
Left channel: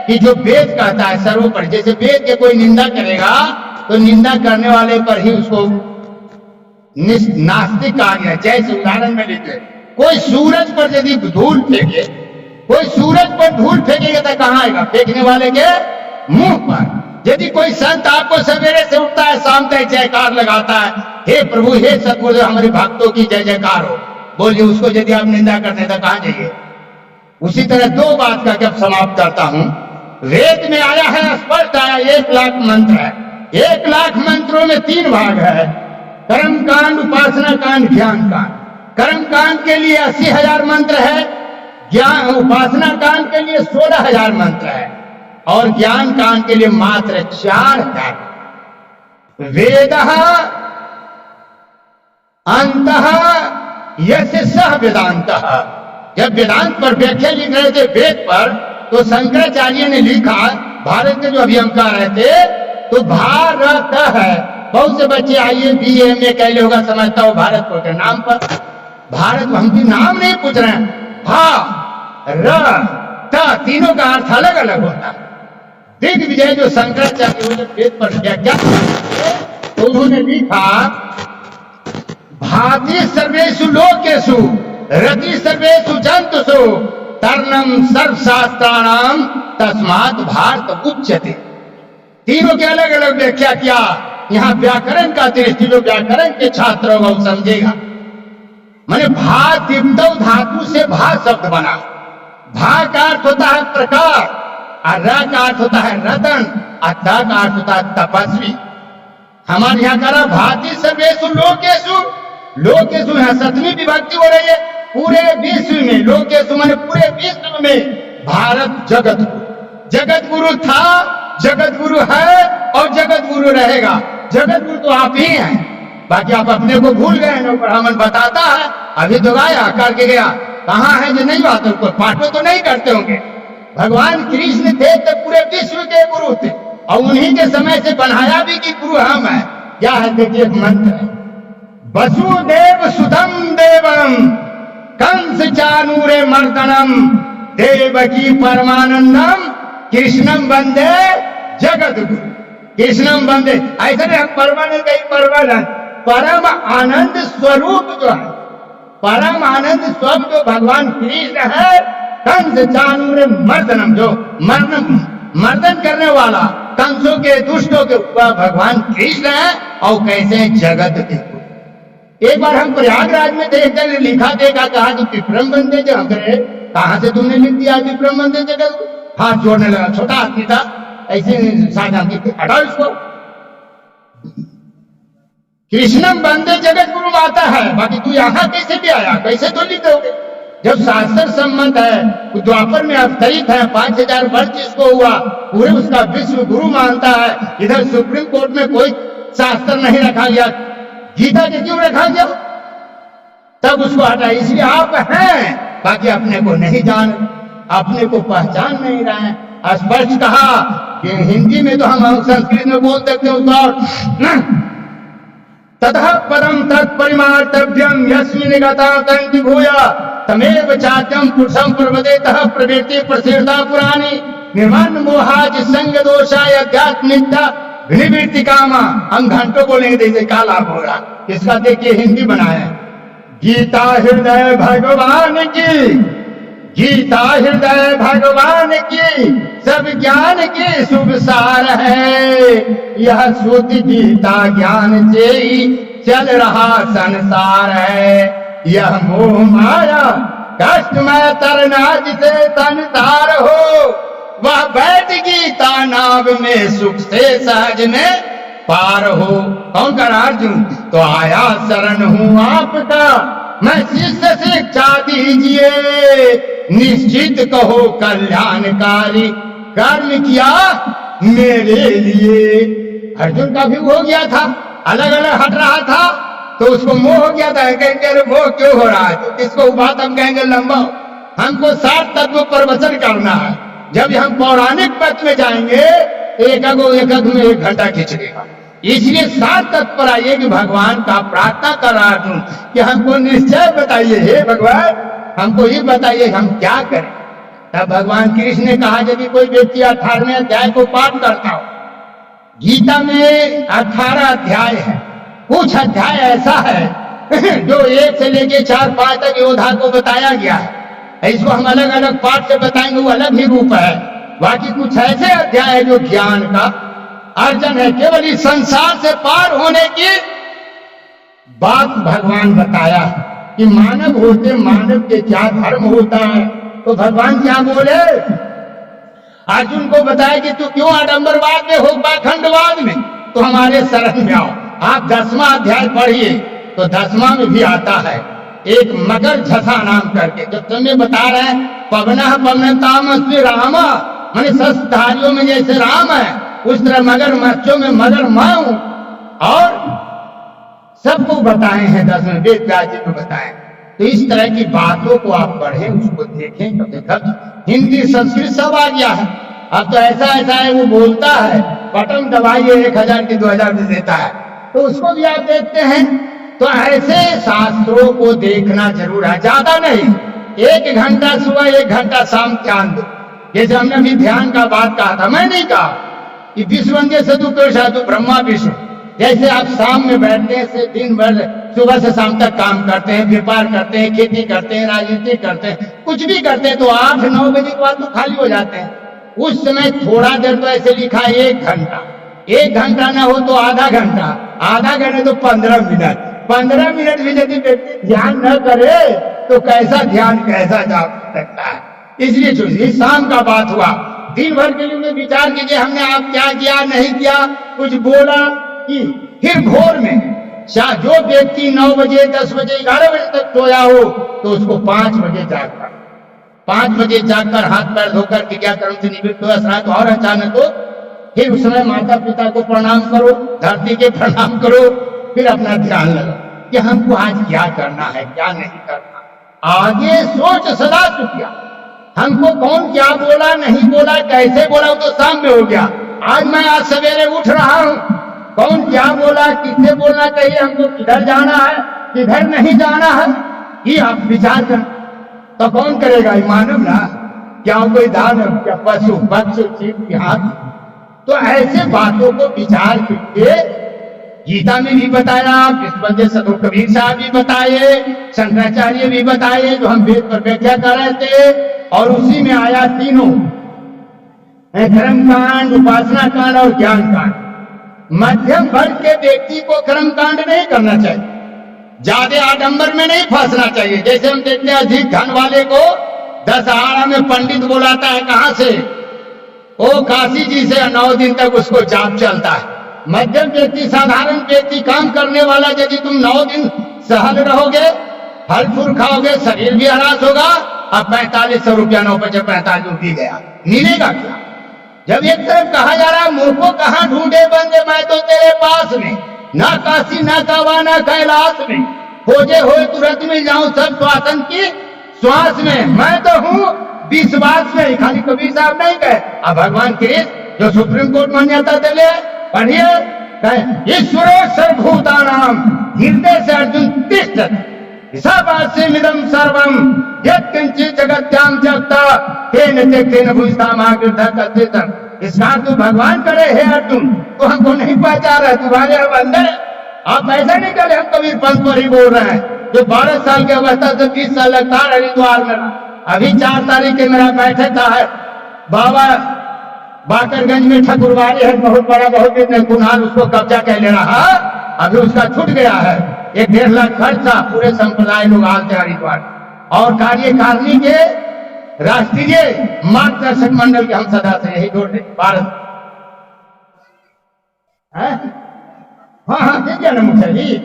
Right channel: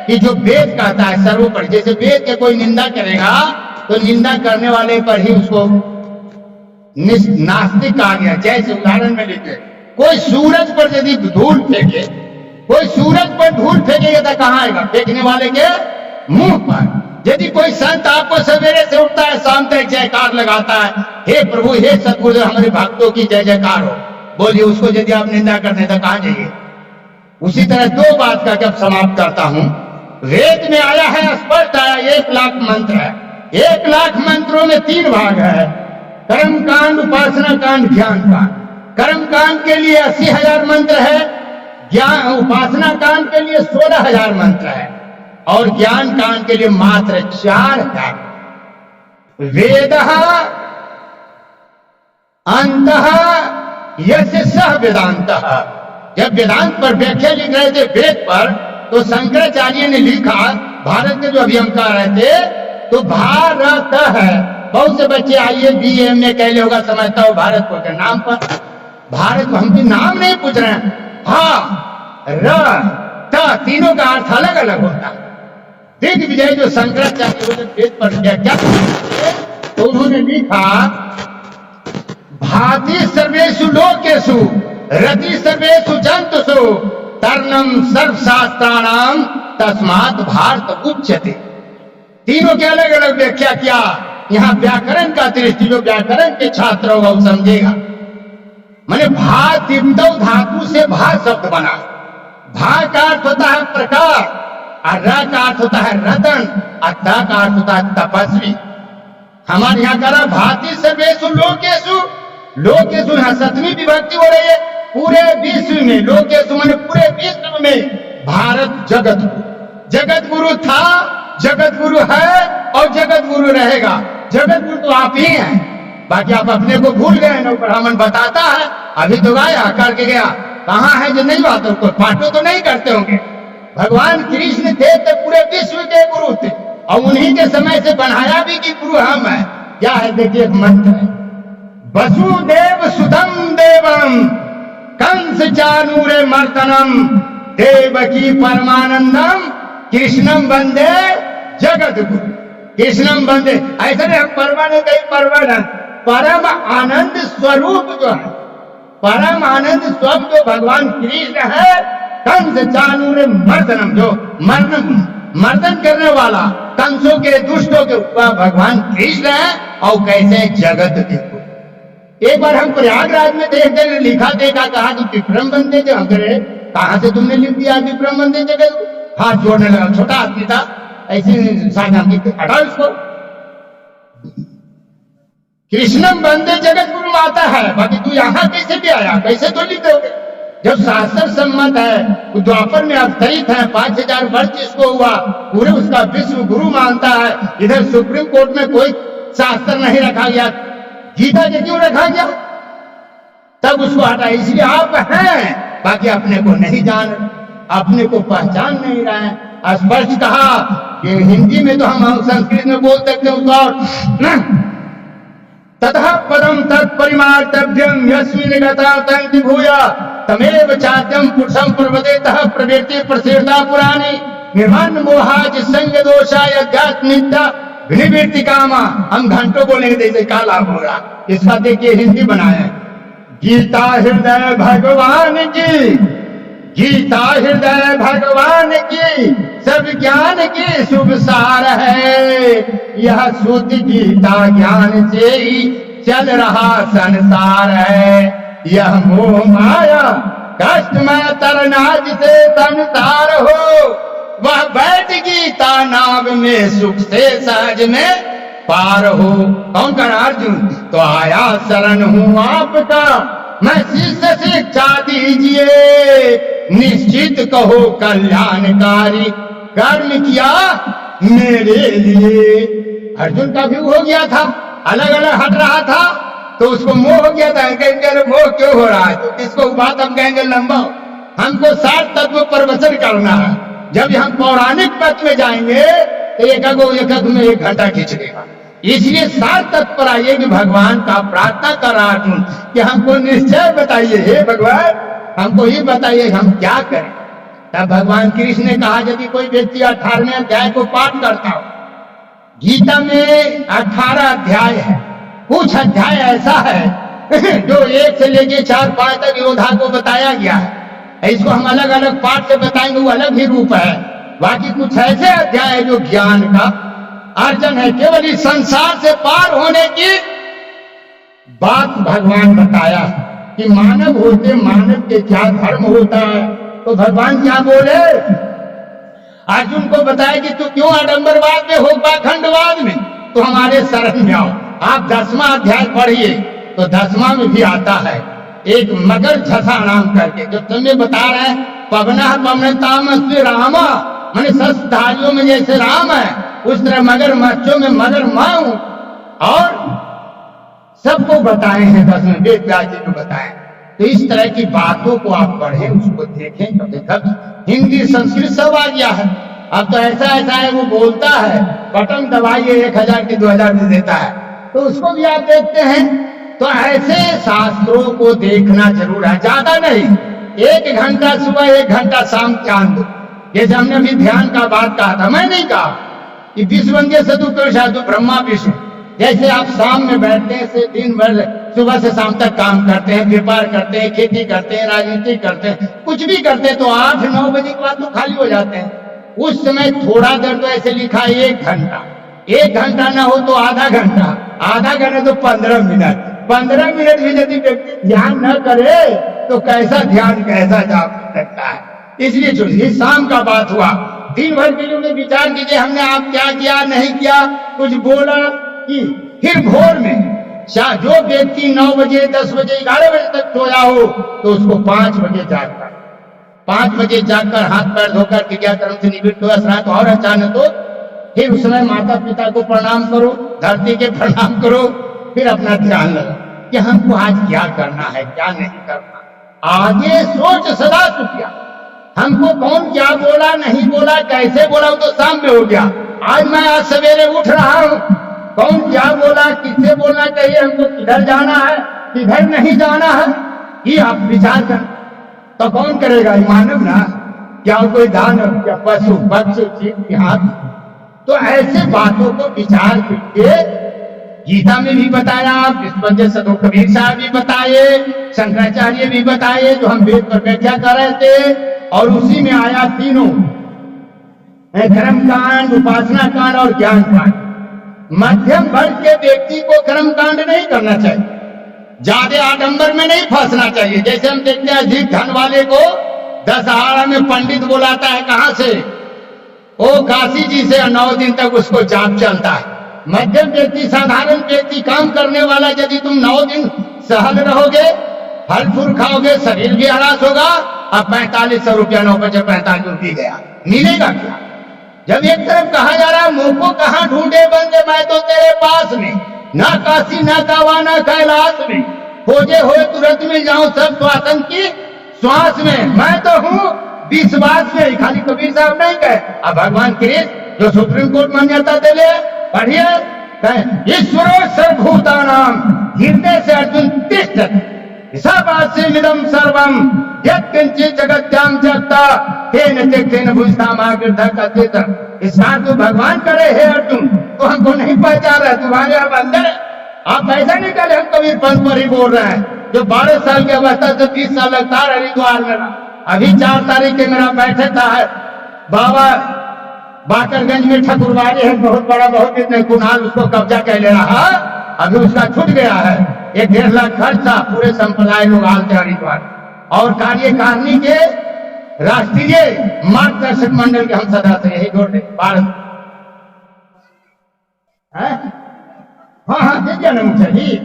कि जो वेद कहता है सर्वोपरि। जैसे वेद के कोई निंदा करेगा तो निंदा करने वाले पर ही उसको नास्तिक कहा गया। जैसे उदाहरण में लिखे, कोई सूरज पर यदि धूल फेंके, कोई सूरज पर धूल फेंकेगा तो कहां आएगा? फेंकने वाले के मुंह पर। यदि कोई संत आपको सवेरे से उठता है, शाम तक जयकार लगाता है, हे प्रभु, हे सतगुरुदेव, हमारे भक्तों की जय जयकार हो, बोलिए, उसको यदि आप निंदा करते हैं तो कहां जाइए? उसी तरह 2 बात का जब समाप्त करता हूं, वेद में आया है, स्पष्ट आया, 1 लाख मंत्र है। 1 लाख मंत्रों में 3 भाग है, कर्म कांड, उपासना कांड, ज्ञान कांड। कर्म कांड के लिए 80,000 मंत्र है, ज्ञान उपासना कांड के लिए 16,000 मंत्र है, और ज्ञान कांड के लिए मात्र 4,000। वेदः अंतः यश सह वेदांत। जब वेदांत पर व्याख्या लिख रहे थे वेद पर, तो शंकराचार्य ने लिखा, भारत के जो अभियंकार रहे थे, तो भारत है। बहुत से बच्चे आइए बीए में कहले होगा, समझता हो भारत को के नाम पर। भारत हमके नाम नहीं पूछ रहे हैं। हा र त तीनों का अर्थ अलग अलग होता है। दिग्विजय जो शंकराचार्य हो, जब वेद पर व्याख्या तो उन्होंने लिखा, भाति सर्वेषु लोकेषु रति सर्वेषु जंतुषु तर्णम सर्वशास्त्राणाम तस्मात् भारत उच्यते। तीनों के अलग अलग व्याख्या किया। यहाँ व्याकरण का दृष्टि, जो व्याकरण के छात्र होगा वो समझेगा। माने भा दिप्तौ धातु से भा शब्द बना। भा का अर्थ होता है प्रकार, और र का अर्थ होता है रतन, और त का अर्थ होता है तपस्वी। हमारे यहाँ करा भाति सर्वेषु लोकेषु। लोकेषु यहाँ सप्तमी विभक्ति हो रही है। पूरे विश्व में, लोकेषु माने पूरे विश्व में भारत जगत गुरु। जगत गुरु था, जगत गुरु है और जगत गुरु रहेगा। जगत गुरु तो आप ही हैं, बाकी आप अपने को भूल गए ना। ब्राह्मण बताता है, अभी तो गाया करके गया, कहाँ है जो नहीं बात, कोई पाठो तो नहीं करते होंगे। भगवान कृष्ण थे तो पूरे विश्व के गुरु थे, और उन्हीं के समय से बनाया भी कि गुरु हम है। क्या है देखिए, एक मंत्र है, वसुदेव सुतम देवम कंस चानूरे मर्दनम देवकी परमानंदम कृष्णम वंदे जगत गुरु। कृष्णम वंदे, ऐसा नहीं हम परमान है, कहीं परमान है। परम आनंद स्वरूप जो है, परम आनंद स्वरूप जो भगवान कृष्ण है, कंस चानूर मर्दनम, जो मर्दन करने वाला कंसों के दुष्टों के ऊपर भगवान कृष्ण है। और कैसे जगत के गुरु। एक बार हम प्रयागराज में थे, एक जगह लिखा देखा, कहा कि विक्रम बंदे जो हम करे, कहां से तुमने लिख दिया विक्रम बंदे जगत? हाथ जोड़ने लगा, छोटा आदमी था, ऐसे साझा हटाओ इसको। कृष्णम बंदे जगत गुरु आता है, बाकी तू यहां कैसे भी आया, कैसे तो लिख दोगे? जब शास्त्र सम्मत है, द्वापर में अवतरित है, 5000 वर्ष जिसको हुआ, पूरे उसका विश्व गुरु मानता है। इधर सुप्रीम कोर्ट में कोई शास्त्र नहीं रखा गया, गीता के क्यों रखा गया? तब उसको हटा। इसलिए आप हैं, बाकी अपने को नहीं जान, अपने को पहचान नहीं रहे हैं। स्पष्ट कहा कि हिंदी में तो हम संस्कृत में बोल सकते हैं उसको, ततः पदम तत्परिमार्तव्यम यस्मिन् गता तंति भूया तमेव चाद्यम पुरुषम प्रवदेतः प्रवृत्ति प्रसिद्धता पुराणी निर्माण मोहाज संग दोषाय अध्यात्मिकता विनिवृत्ति कामा। हम घंटों बोलेंगे तो इसे क्या लाभ होगा? इसका देखिए हिंदी बनाया, गीता हृदय भगवान की, गीता हृदय भगवान की, सब ज्ञान की शुभ सार है। यह शुद्ध गीता ज्ञान से ही चल रहा संसार है। यह मोह माया कष्टमय तरना जिसे संसार हो, वह बैठ गीता नाव में सुख से सहज में पार हो। कौन कर अर्जुन? तो आया शरण हूं आपका, मैं शिष्य शिक्षा दीजिए, निश्चित कहो कल्याणकारी कर्म किया मेरे लिए। अर्जुन का भी हो गया था, अलग अलग हट रहा था, तो उसको मोह हो गया था। कहेंगे मोह क्यों हो रहा है? तो किसको बात हम कहेंगे लंबा, हमको 60 तत्व प्रवचन करना है। जब हम पौराणिक पथ में जाएंगे तो एक में 1 घंटा खींच लेगा। इसलिए 60 तत्व पर आइए कि भगवान का प्रार्थना कर रहा अर्जुन कि हमको निश्चय बताइए, हे भगवान हमको ही बताइए हम क्या करें। तब भगवान कृष्ण ने कहा, यदि कोई व्यक्ति 18वें अध्याय को पाठ करता हो, गीता में 18 अध्याय है, कुछ अध्याय ऐसा है जो 1 से लेके 4-5 तक योद्धा को बताया गया है। इसको हम अलग अलग पाठ से बताएंगे, वो अलग ही रूप है। बाकी कुछ ऐसे अध्याय है जो ज्ञान का अर्जन है, केवल इस संसार से पार होने की बात भगवान बताया है कि मानव होते मानव के क्या धर्म होता है। तो भगवान क्या बोले, अर्जुन को बताया कि तू क्यों आडंबरवाद में हो, पाखंडवाद में, तो हमारे शरण में आओ। आप 10वां अध्याय पढ़िए तो 10वां में भी आता है एक मगर झसा नाम करके, जब तुम्हें बता रहे हैं पवनः पवनतामस्मि रामा, माने शस्त्रधारियों में जैसे राम है उस तरह मगर मच्छों में मगर मैं हूं, और सबको बताए हैं, 10 में वेद व्यास जी को बताए। तो इस तरह की बातों को आप पढ़ें, उसको देखें। तो देखा हिंदी संस्कृत सब आ गया है। अब तो ऐसा ऐसा है, वो बोलता है, बटन दबाइए 1000 की 2000 दे देता है, तो उसको भी आप देखते हैं। तो ऐसे शास्त्रों को देखना जरूर है, ज्यादा नहीं, 1 घंटा सुबह 1 घंटा शाम ध्यान दो। जैसे हमने अभी ध्यान का बात कहा था, मैं नहीं कहा कि विश्व वंदे सदु को साधु ब्रह्मा विष्णु। जैसे आप शाम में बैठते हैं, से दिन भर सुबह से शाम तक काम करते हैं, व्यापार करते हैं, खेती करते हैं, राजनीति करते हैं, कुछ भी करते हैं, तो 8-9 बजे के बाद तो खाली हो जाते हैं। उस समय थोड़ा देर तो ऐसे लिखा 1 घंटा, 1 घंटा ना हो तो आधा घंटा, आधा घंटा तो 15 मिनट, 15 मिनट भी यदि व्यक्ति ध्यान न करे तो कैसा ध्यान कैसा जा सकता है। इसलिए जो शाम का बात हुआ, दिन भर के लिए विचार कीजिए, हमने आप क्या किया नहीं किया, कुछ बोला कि फिर भोर में जो व्यक्ति 9 बजे 10 बजे 11 बजे तक सोया हो तो उसको 5 बजे जागकर 5 बजे जागकर हाथ पैर धोकर क्रियाक्रम से निवृत्त हो, स्नान तो और अचानक हो, फिर उस समय माता पिता को प्रणाम करो, धरती के प्रणाम करो, फिर अपना ध्यान लगा कि हमको आज क्या करना है क्या नहीं करना, आगे सोच सदा सुखिया। हमको कौन क्या बोला नहीं बोला कैसे बोला वो तो शाम में हो गया, आज मैं आज सवेरे उठ रहा हूं, कौन क्या बोला किससे बोलना चाहिए, हमको किधर जाना है किधर नहीं जाना है, ये आप विचार कर। तो कौन करेगा, मानव ना, क्या कोई दानव, क्या पशु पक्षी जीव हाथ। तो ऐसे बातों को विचार करके गीता में भी बताया, विश्ववंदे सदु कबीर साहब भी बताए, शंकराचार्य भी बताए, जो हम वेद पर व्याख्या कर रहे थे। और उसी में आया तीनों, कर्म कांड, उपासना कांड और ज्ञान कांड। मध्यम वर्ग के व्यक्ति को कर्म कांड नहीं करना चाहिए, ज्यादा आडंबर में नहीं फंसना चाहिए। जैसे हम देखते हैं अधिक धन वाले को दशहरा में पंडित बुलाता है, कहां से, वो काशी जी से, 9 दिन तक उसको जाप चलता है। मध्यम व्यक्ति साधारण व्यक्ति काम करने वाला, यदि तुम 9 दिन सहल रहोगे, फल फूल खाओगे, शरीर भी हरास होगा, अब 4500 रुपया 9 बजे 45 रुपये गया, मिलेगा क्या। जब एक तरफ कहा जा रहा है मुंह को कहां ढूंढे बंदे, मैं तो तेरे पास में, ना काशी ना कावा ना कैलाश में, खोजे हुए तुरंत मिल जाऊं सब श्वासन की श्वास में, मैं तो हूं विश्वास में। खाली कबीर साहब नहीं कहे, अब भगवान कृष्ण जो सुप्रीम कोर्ट मान्यता दिले, पढ़िए, ईश्वरो सर्वभूतानां हृदय से अर्जुन तिष्ठति मिदम सर्वम यत्किंचित् जगत्याम जगता तेन त्यक्तेन भुजतामाग्रधः। इसका तो भगवान करे हे अर्जुन, तो हमको नहीं पहचान रहा, तुम्हारे अब अंदर है। आप ऐसा नहीं करे हम कबीर पंथ पर ही बोल रहे हैं, जो 12 साल की अवस्था से 20 साल लगता है हरिद्वार में। अभी 4 तारीख के मेरा बैठक था है बाबा बाकरगंज में, ठकुरबाड़ी है बहुत बड़ा, बहुत दिन कुनाल उसको कब्जा कर ले रहा, अभी उसका छूट गया है। 1-1.5 लाख खर्च था, पूरे संप्रदाय लोग आते हरिद्वार, और कार्यकारिणी के राष्ट्रीय मार्गदर्शक मंडल के हम सदस्य यही जोड़ते भारत। हाँ देखिए ना मुझे जी,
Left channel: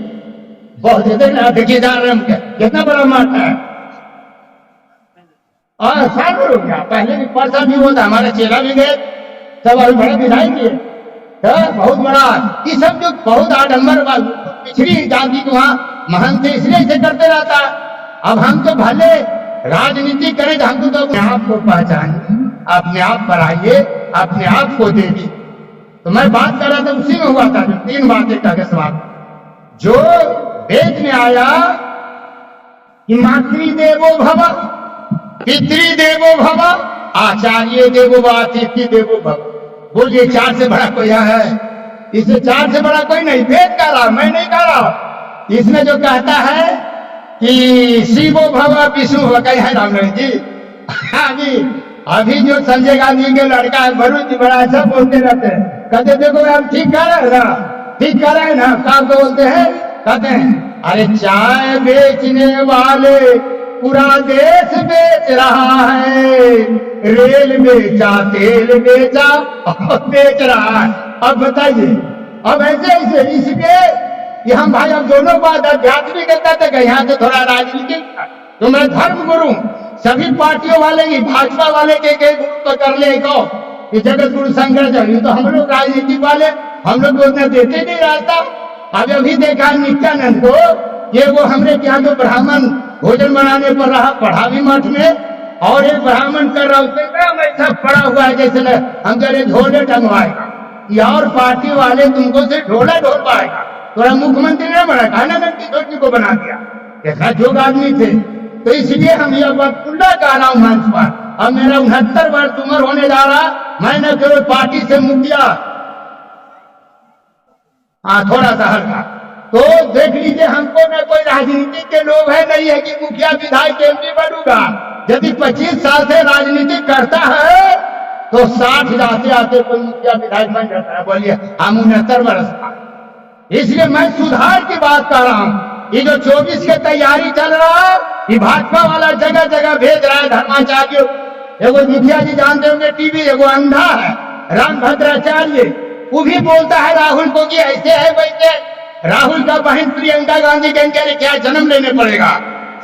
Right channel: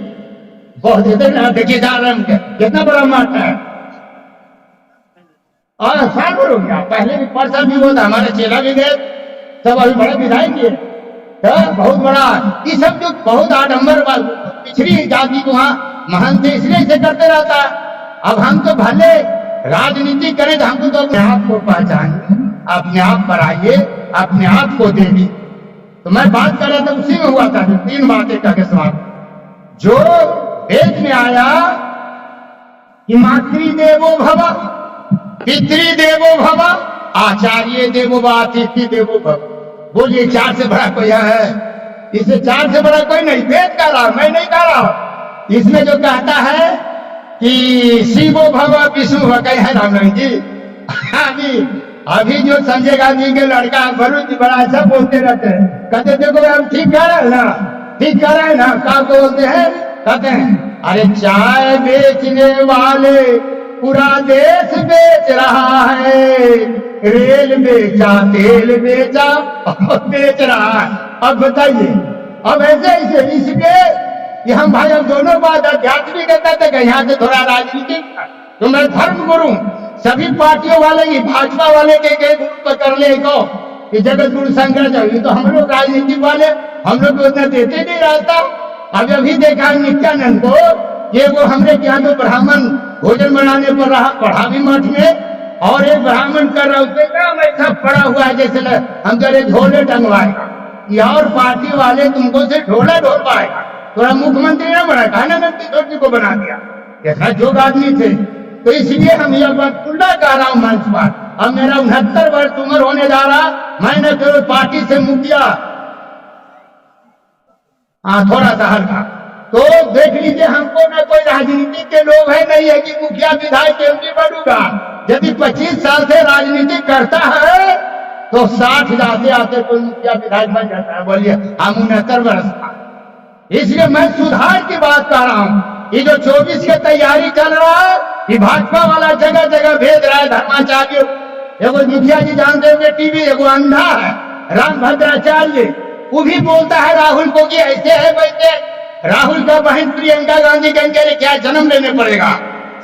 बहुत देखिए जा रहे हैं कितना बड़ा मठ है, और साल भर हो गया, पहले भी परसा भी हुआ था, हमारा चेला भी गए, सब अभी बड़े विधायक किए, तो बहुत बड़ा। ये सब जो बहुत आडंबर पिछड़ी जाति को वहां महंत इसलिए से करते रहता है। अब हम तो भले राजनीति करें, तो हमको तो अपने आप को पहचानिए, अपने आप पर आइए, अपने आप को देखिए। तो मैं बात कर रहा था, उसी में हुआ था जो 3 बातें का समाप्त, जो वेद में आया कि मातृदेवो भव, पितृदेवो भव, आचार्य देवो भव, अतिथि देवो भव। बोलिए 4 से बड़ा कोई है, इससे 4 से बड़ा कोई नहीं। वेद कह रहा, मैं नहीं कह रहा। इसमें जो कहता है कि शिवो भव विष्णु भव, कहीं है रामलखन जी। अभी जो संजय गांधी के लड़का है वरुण जी, बड़ा अच्छा बोलते रहते हैं, कहते देखो भाई हम ठीक कर रहे हैं ना, ठीक कर रहे हैं ना, क्या बोलते हैं, कहते हैं अरे चाय बेचने वाले पूरा देश बेच रहा है, रेल बेचा तेल बेचा और बेच रहा है। अब बताइए, अब ऐसे इसलिए कि हम भाई अब दोनों बात आध्यात्मिक कहते थे, यहाँ से थोड़ा राजनीतिक, तो मैं धर्म गुरु सभी पार्टियों वाले की, भाजपा वाले के ग्रुप पर कर ले को कि जगत गुरु शंकराचार्य, तो हम लोग राजनीतिक वाले, हम लोग को उतना देते नहीं रहता। अभी देखा नित्यानंद को, ये वो हमरे क्या तो ब्राह्मण भोजन बनाने पर रहा, पढ़ा भी मठ में, और एक ब्राह्मण कर रहा उसने कहा ऐसा पड़ा हुआ है जैसे हम चले झोले टंगवाएगा, ये और पार्टी वाले तुमको से ढोला ढोल पाएगा, थोड़ा मुख्यमंत्री न बना, कहना ना किशोर जी को बना दिया, इतना जोग आदमी थे। तो इसलिए हम यह बात खुला कह रहा हूं मंच पर, अब मेरा 69 वर्ष उम्र होने जा रहा, मैं न केवल पार्टी से मुखिया, हाँ थोड़ा सा हल्का, तो देख लीजिए हमको न कोई राजनीति के लोग है नहीं है कि मुखिया विधायक एमपी बनूंगा। यदि 25 साल से राजनीति करता है तो 60 जाते आते कोई मुखिया विधायक बन जाता है। बोलिए हम 69 वर्ष का, इसलिए मैं सुधार की बात कर रहा हूं। ये जो 24 की तैयारी चल रहा है, ये भाजपा वाला जगह जगह भेज रहा है धर्माचार्य। एगो मुखिया जी जानते होंगे टीवी, एगो अंधा है राम भद्राचार्य, वो भी बोलता है राहुल को कि ऐसे है वैसे। राहुल का बहन प्रियंका गांधी कहेंगे क्या जन्म लेने पड़ेगा।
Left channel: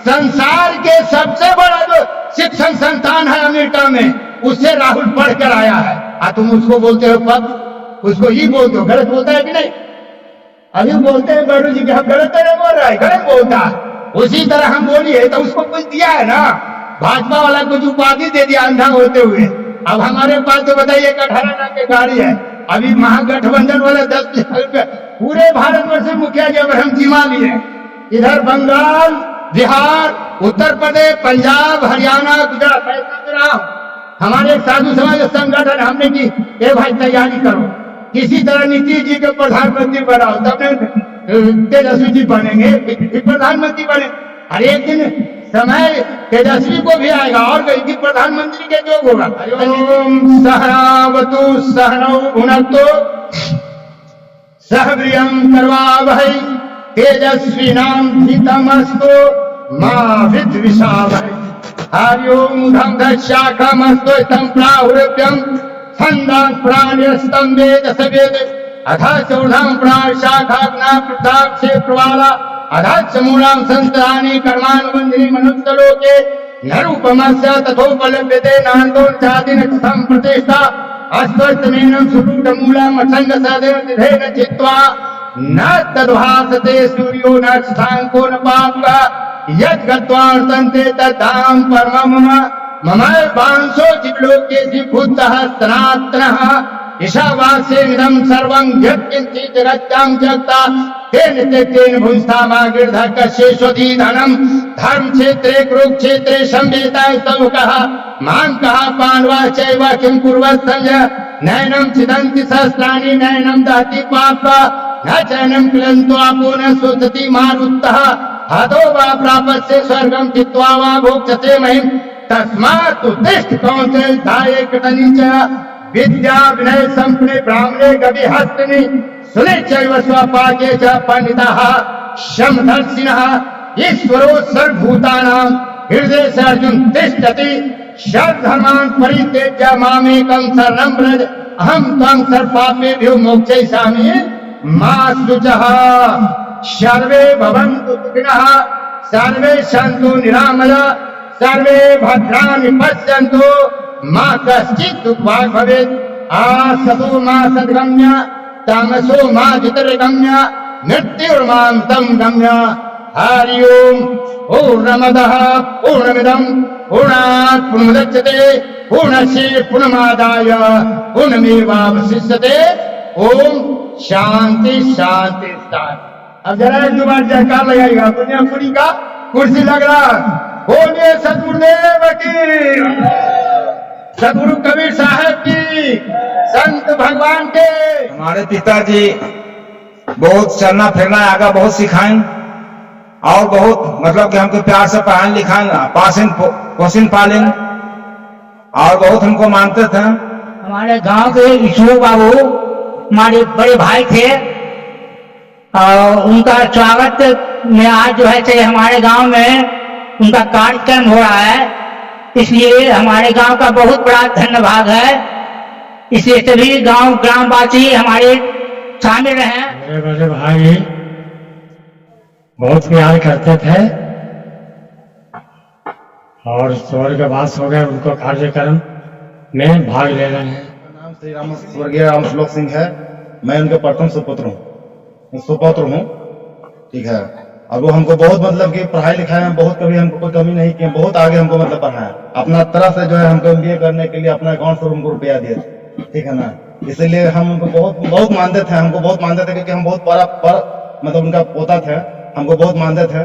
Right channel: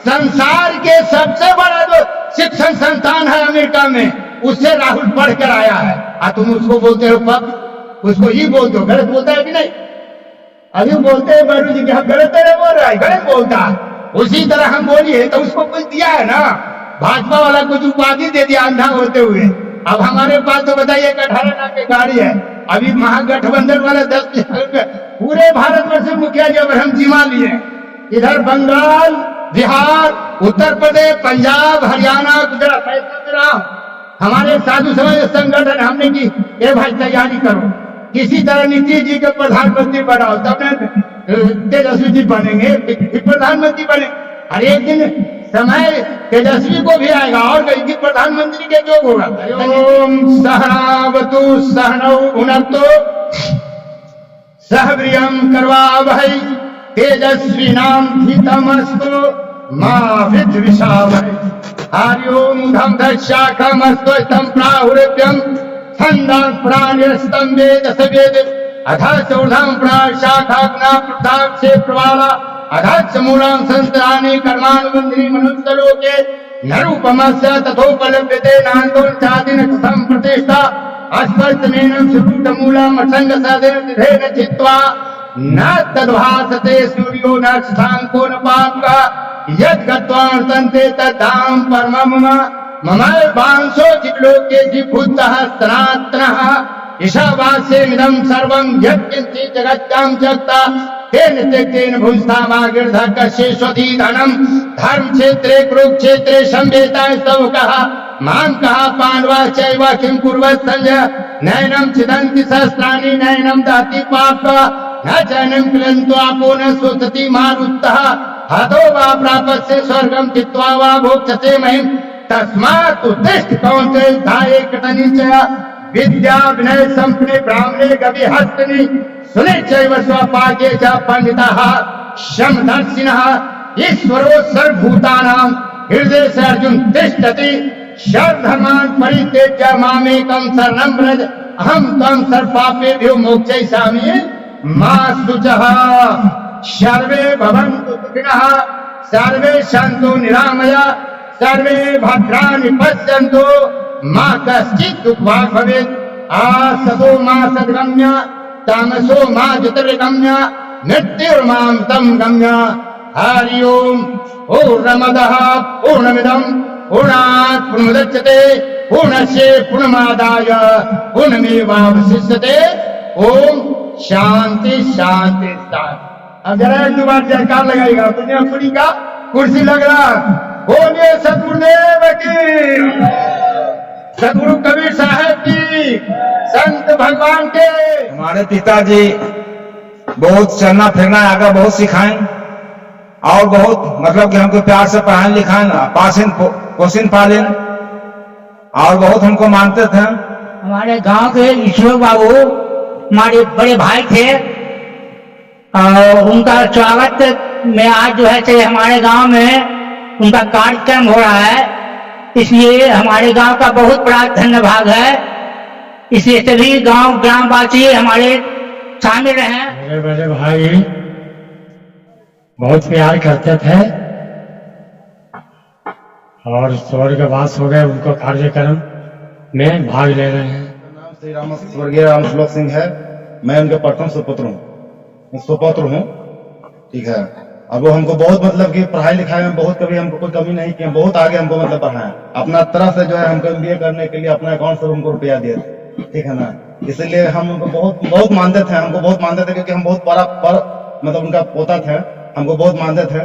संसार के सबसे बड़ा जो शिक्षण संस्थान है अमेरिका में, उससे राहुल पढ़कर आया है, तुम उसको बोलते हो पप, उसको ही बोलते हो, गलत बोलता है कि नहीं? अभी बोलते हैं बारू जी कि हम गलत नहीं बोल रहा है, गलत बोलता है। उसी तरह हम बोलिए तो उसको कुछ दिया है ना, भाजपा वाला कुछ उपाधि दे दिया अंधा होते हुए। अब हमारे पास तो बताइए 18 लाख की गाड़ी है, अभी महागठबंधन वाला 10 पूरे भारतवर्ष में मुखिया जी अगर हम जिमा लिए, इधर बंगाल, बिहार, उत्तर प्रदेश, पंजाब, हरियाणा, गुजरात, मैं समझ रहा हूं। हमारे साधु समाज संगठन हमने की ए भाई तैयारी करो, किसी तरह नीतीश जी के प्रधानमंत्री बनाओ, तब तेजस्वी जी बनेंगे, प्रधानमंत्री बने। हर एक दिन समय तेजस्वी को भी आएगा और कहीं प्रधानमंत्री के योग होगा। ओम सहनावतु सहनौ भुनक्तु सह वीर्यं करवावहै तेजस्विनां धीतमस्तु मा विद्विषावहै। हरि ओम धम दशाखमस्तु तं प्राहुरभ्यं छन्दां प्राण्यस्तं वेद स वेद अथा चौर्धां प्राशाखाग्ना प्रदाक्षे प्रवाला अधाच मूलां संस्तानि कर्मानुबन्धिनी मनुष्यलोके नरूपमस्य तथोपलभ्यते नान्तो चादिन कथं प्रतिष्ठा अस्वस्थमेनं सुरूढमूलम् असङ्गसदेन तिथेन चित्वा न तद्भासते सूर्यो न शशाङ्को न पाङ्गः यद्गत्वा वर्तन्ते तद्धाम परमं मम वांशो जीवलोके जीवभूतः सनातनः ईशावास्यमिदं सर्वं यत्किञ्चित् जगत्यां जगता तेन त्यक्तेन भुंस्थामागिर्धः कस्येष्वधि धनं धर्म क्षेत्रे कुरुक्षेत्रे संवेताय सबकः मां कः पांडवा चैव किं कुर्वत् संजय नैनं छिदन्ति सहस्राणि नैनं दहति पापः न चैनं क्लिन्तो आपो न स्वसति मारुतः हतो वा प्रापस्य स्वर्गं चित्वा वा भोक्ष्यते महिं तस्मात् उत्तिष्ठ कौन्तेय धाये कृतनिश्चय विद्या विनय संपन्ने ब्राह्मणे गवि हस्तनि सुने चैव स्वपाके च पंडिताः समदर्शिनः ईश्वरो सर्वभूतानां हृदय से अर्जुन तिष्ठति सर्वधर्मान् परित्यज्य मामेकं शरणं व्रज अहं त्वं सर्वपापेभ्यो मोक्षयिष्यामि मा शुचः। सर्वे भवन्तु सुखिनः सर्वे सन्तु निरामया सर्वे भद्राणि पश्यन्तु मा कश्चित् दुःखभाग् भवेत्। आसतो मा सद्गम्य तामसो मा ज्योतिर्गम्य मृत्युर्मामृतं गम्य। हरि ओम। पूर्णमदः पूर्णमिदं पूर्णात् पूर्णमुदच्यते पूर्णस्य पूर्णमादाय पूर्णमेवावशिष्यते। ओम शांति शांति शांति। अब जरा एक दो बार जयकार लगाइएगा। दुनिया खुली का कुर्सी लग रहा। बोलिए सतगुरुदेव की, सतगुरु कबीर साहब की, संत भगवान के। हमारे पिताजी बहुत चलना फिरना आगा बहुत सिखाएं और बहुत मतलब कि हमको प्यार से पढ़ाएं लिखाएं, पोषण पालन और बहुत हमको मानते थे। हमारे गांव के ईश्वर बाबू हमारे बड़े भाई थे और उनका स्वागत में आज जो है हमारे गांव में उनका कार्यक्रम हो रहा है, इसलिए हमारे गांव का बहुत बड़ा धन्यवाद है। इसलिए सभी गांव ग्रामवासी हमारे शामिल रहे। मेरे बड़े भाई बहुत प्यार करते थे और स्वर्गवास हो गए, उनको कार्यक्रम में भाग ले रहे हैं। नाम श्री राम स्वर्गीय राम श्लोक सिंह है। मैं उनके प्रथम सुपुत्र हूँ। सुपुत्र हूँ, ठीक है। अब वो हमको बहुत मतलब कि पढ़ाई लिखाई में बहुत कभी हमको कोई कमी नहीं की, बहुत आगे हमको मतलब पढ़ाया, अपना तरह से जो है हमको MBA करने के लिए अपना अकाउंट से हमको रुपया दिए थे, ठीक है ना। इसलिए हम उनको बहुत बहुत मानते थे, हमको बहुत मानते थे, क्योंकि हम बहुत बड़ा मतलब उनका पोता थे, हमको बहुत मानते थे।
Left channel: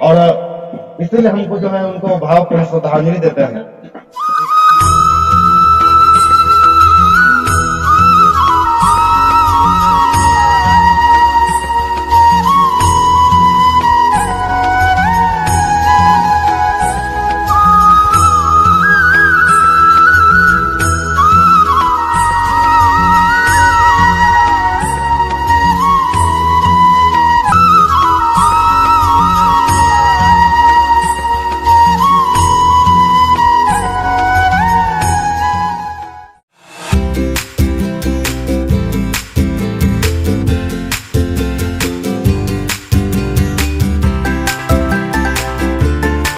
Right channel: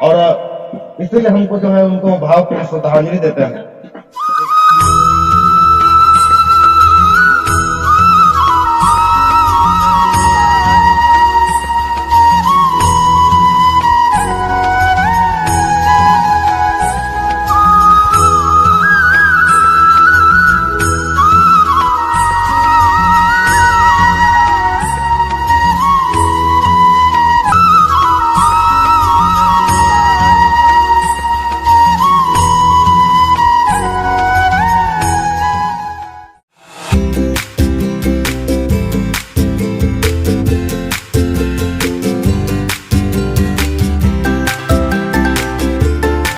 और इसीलिए हमको जो है उनको भावपूर्ण श्रद्धांजलि देते हैं।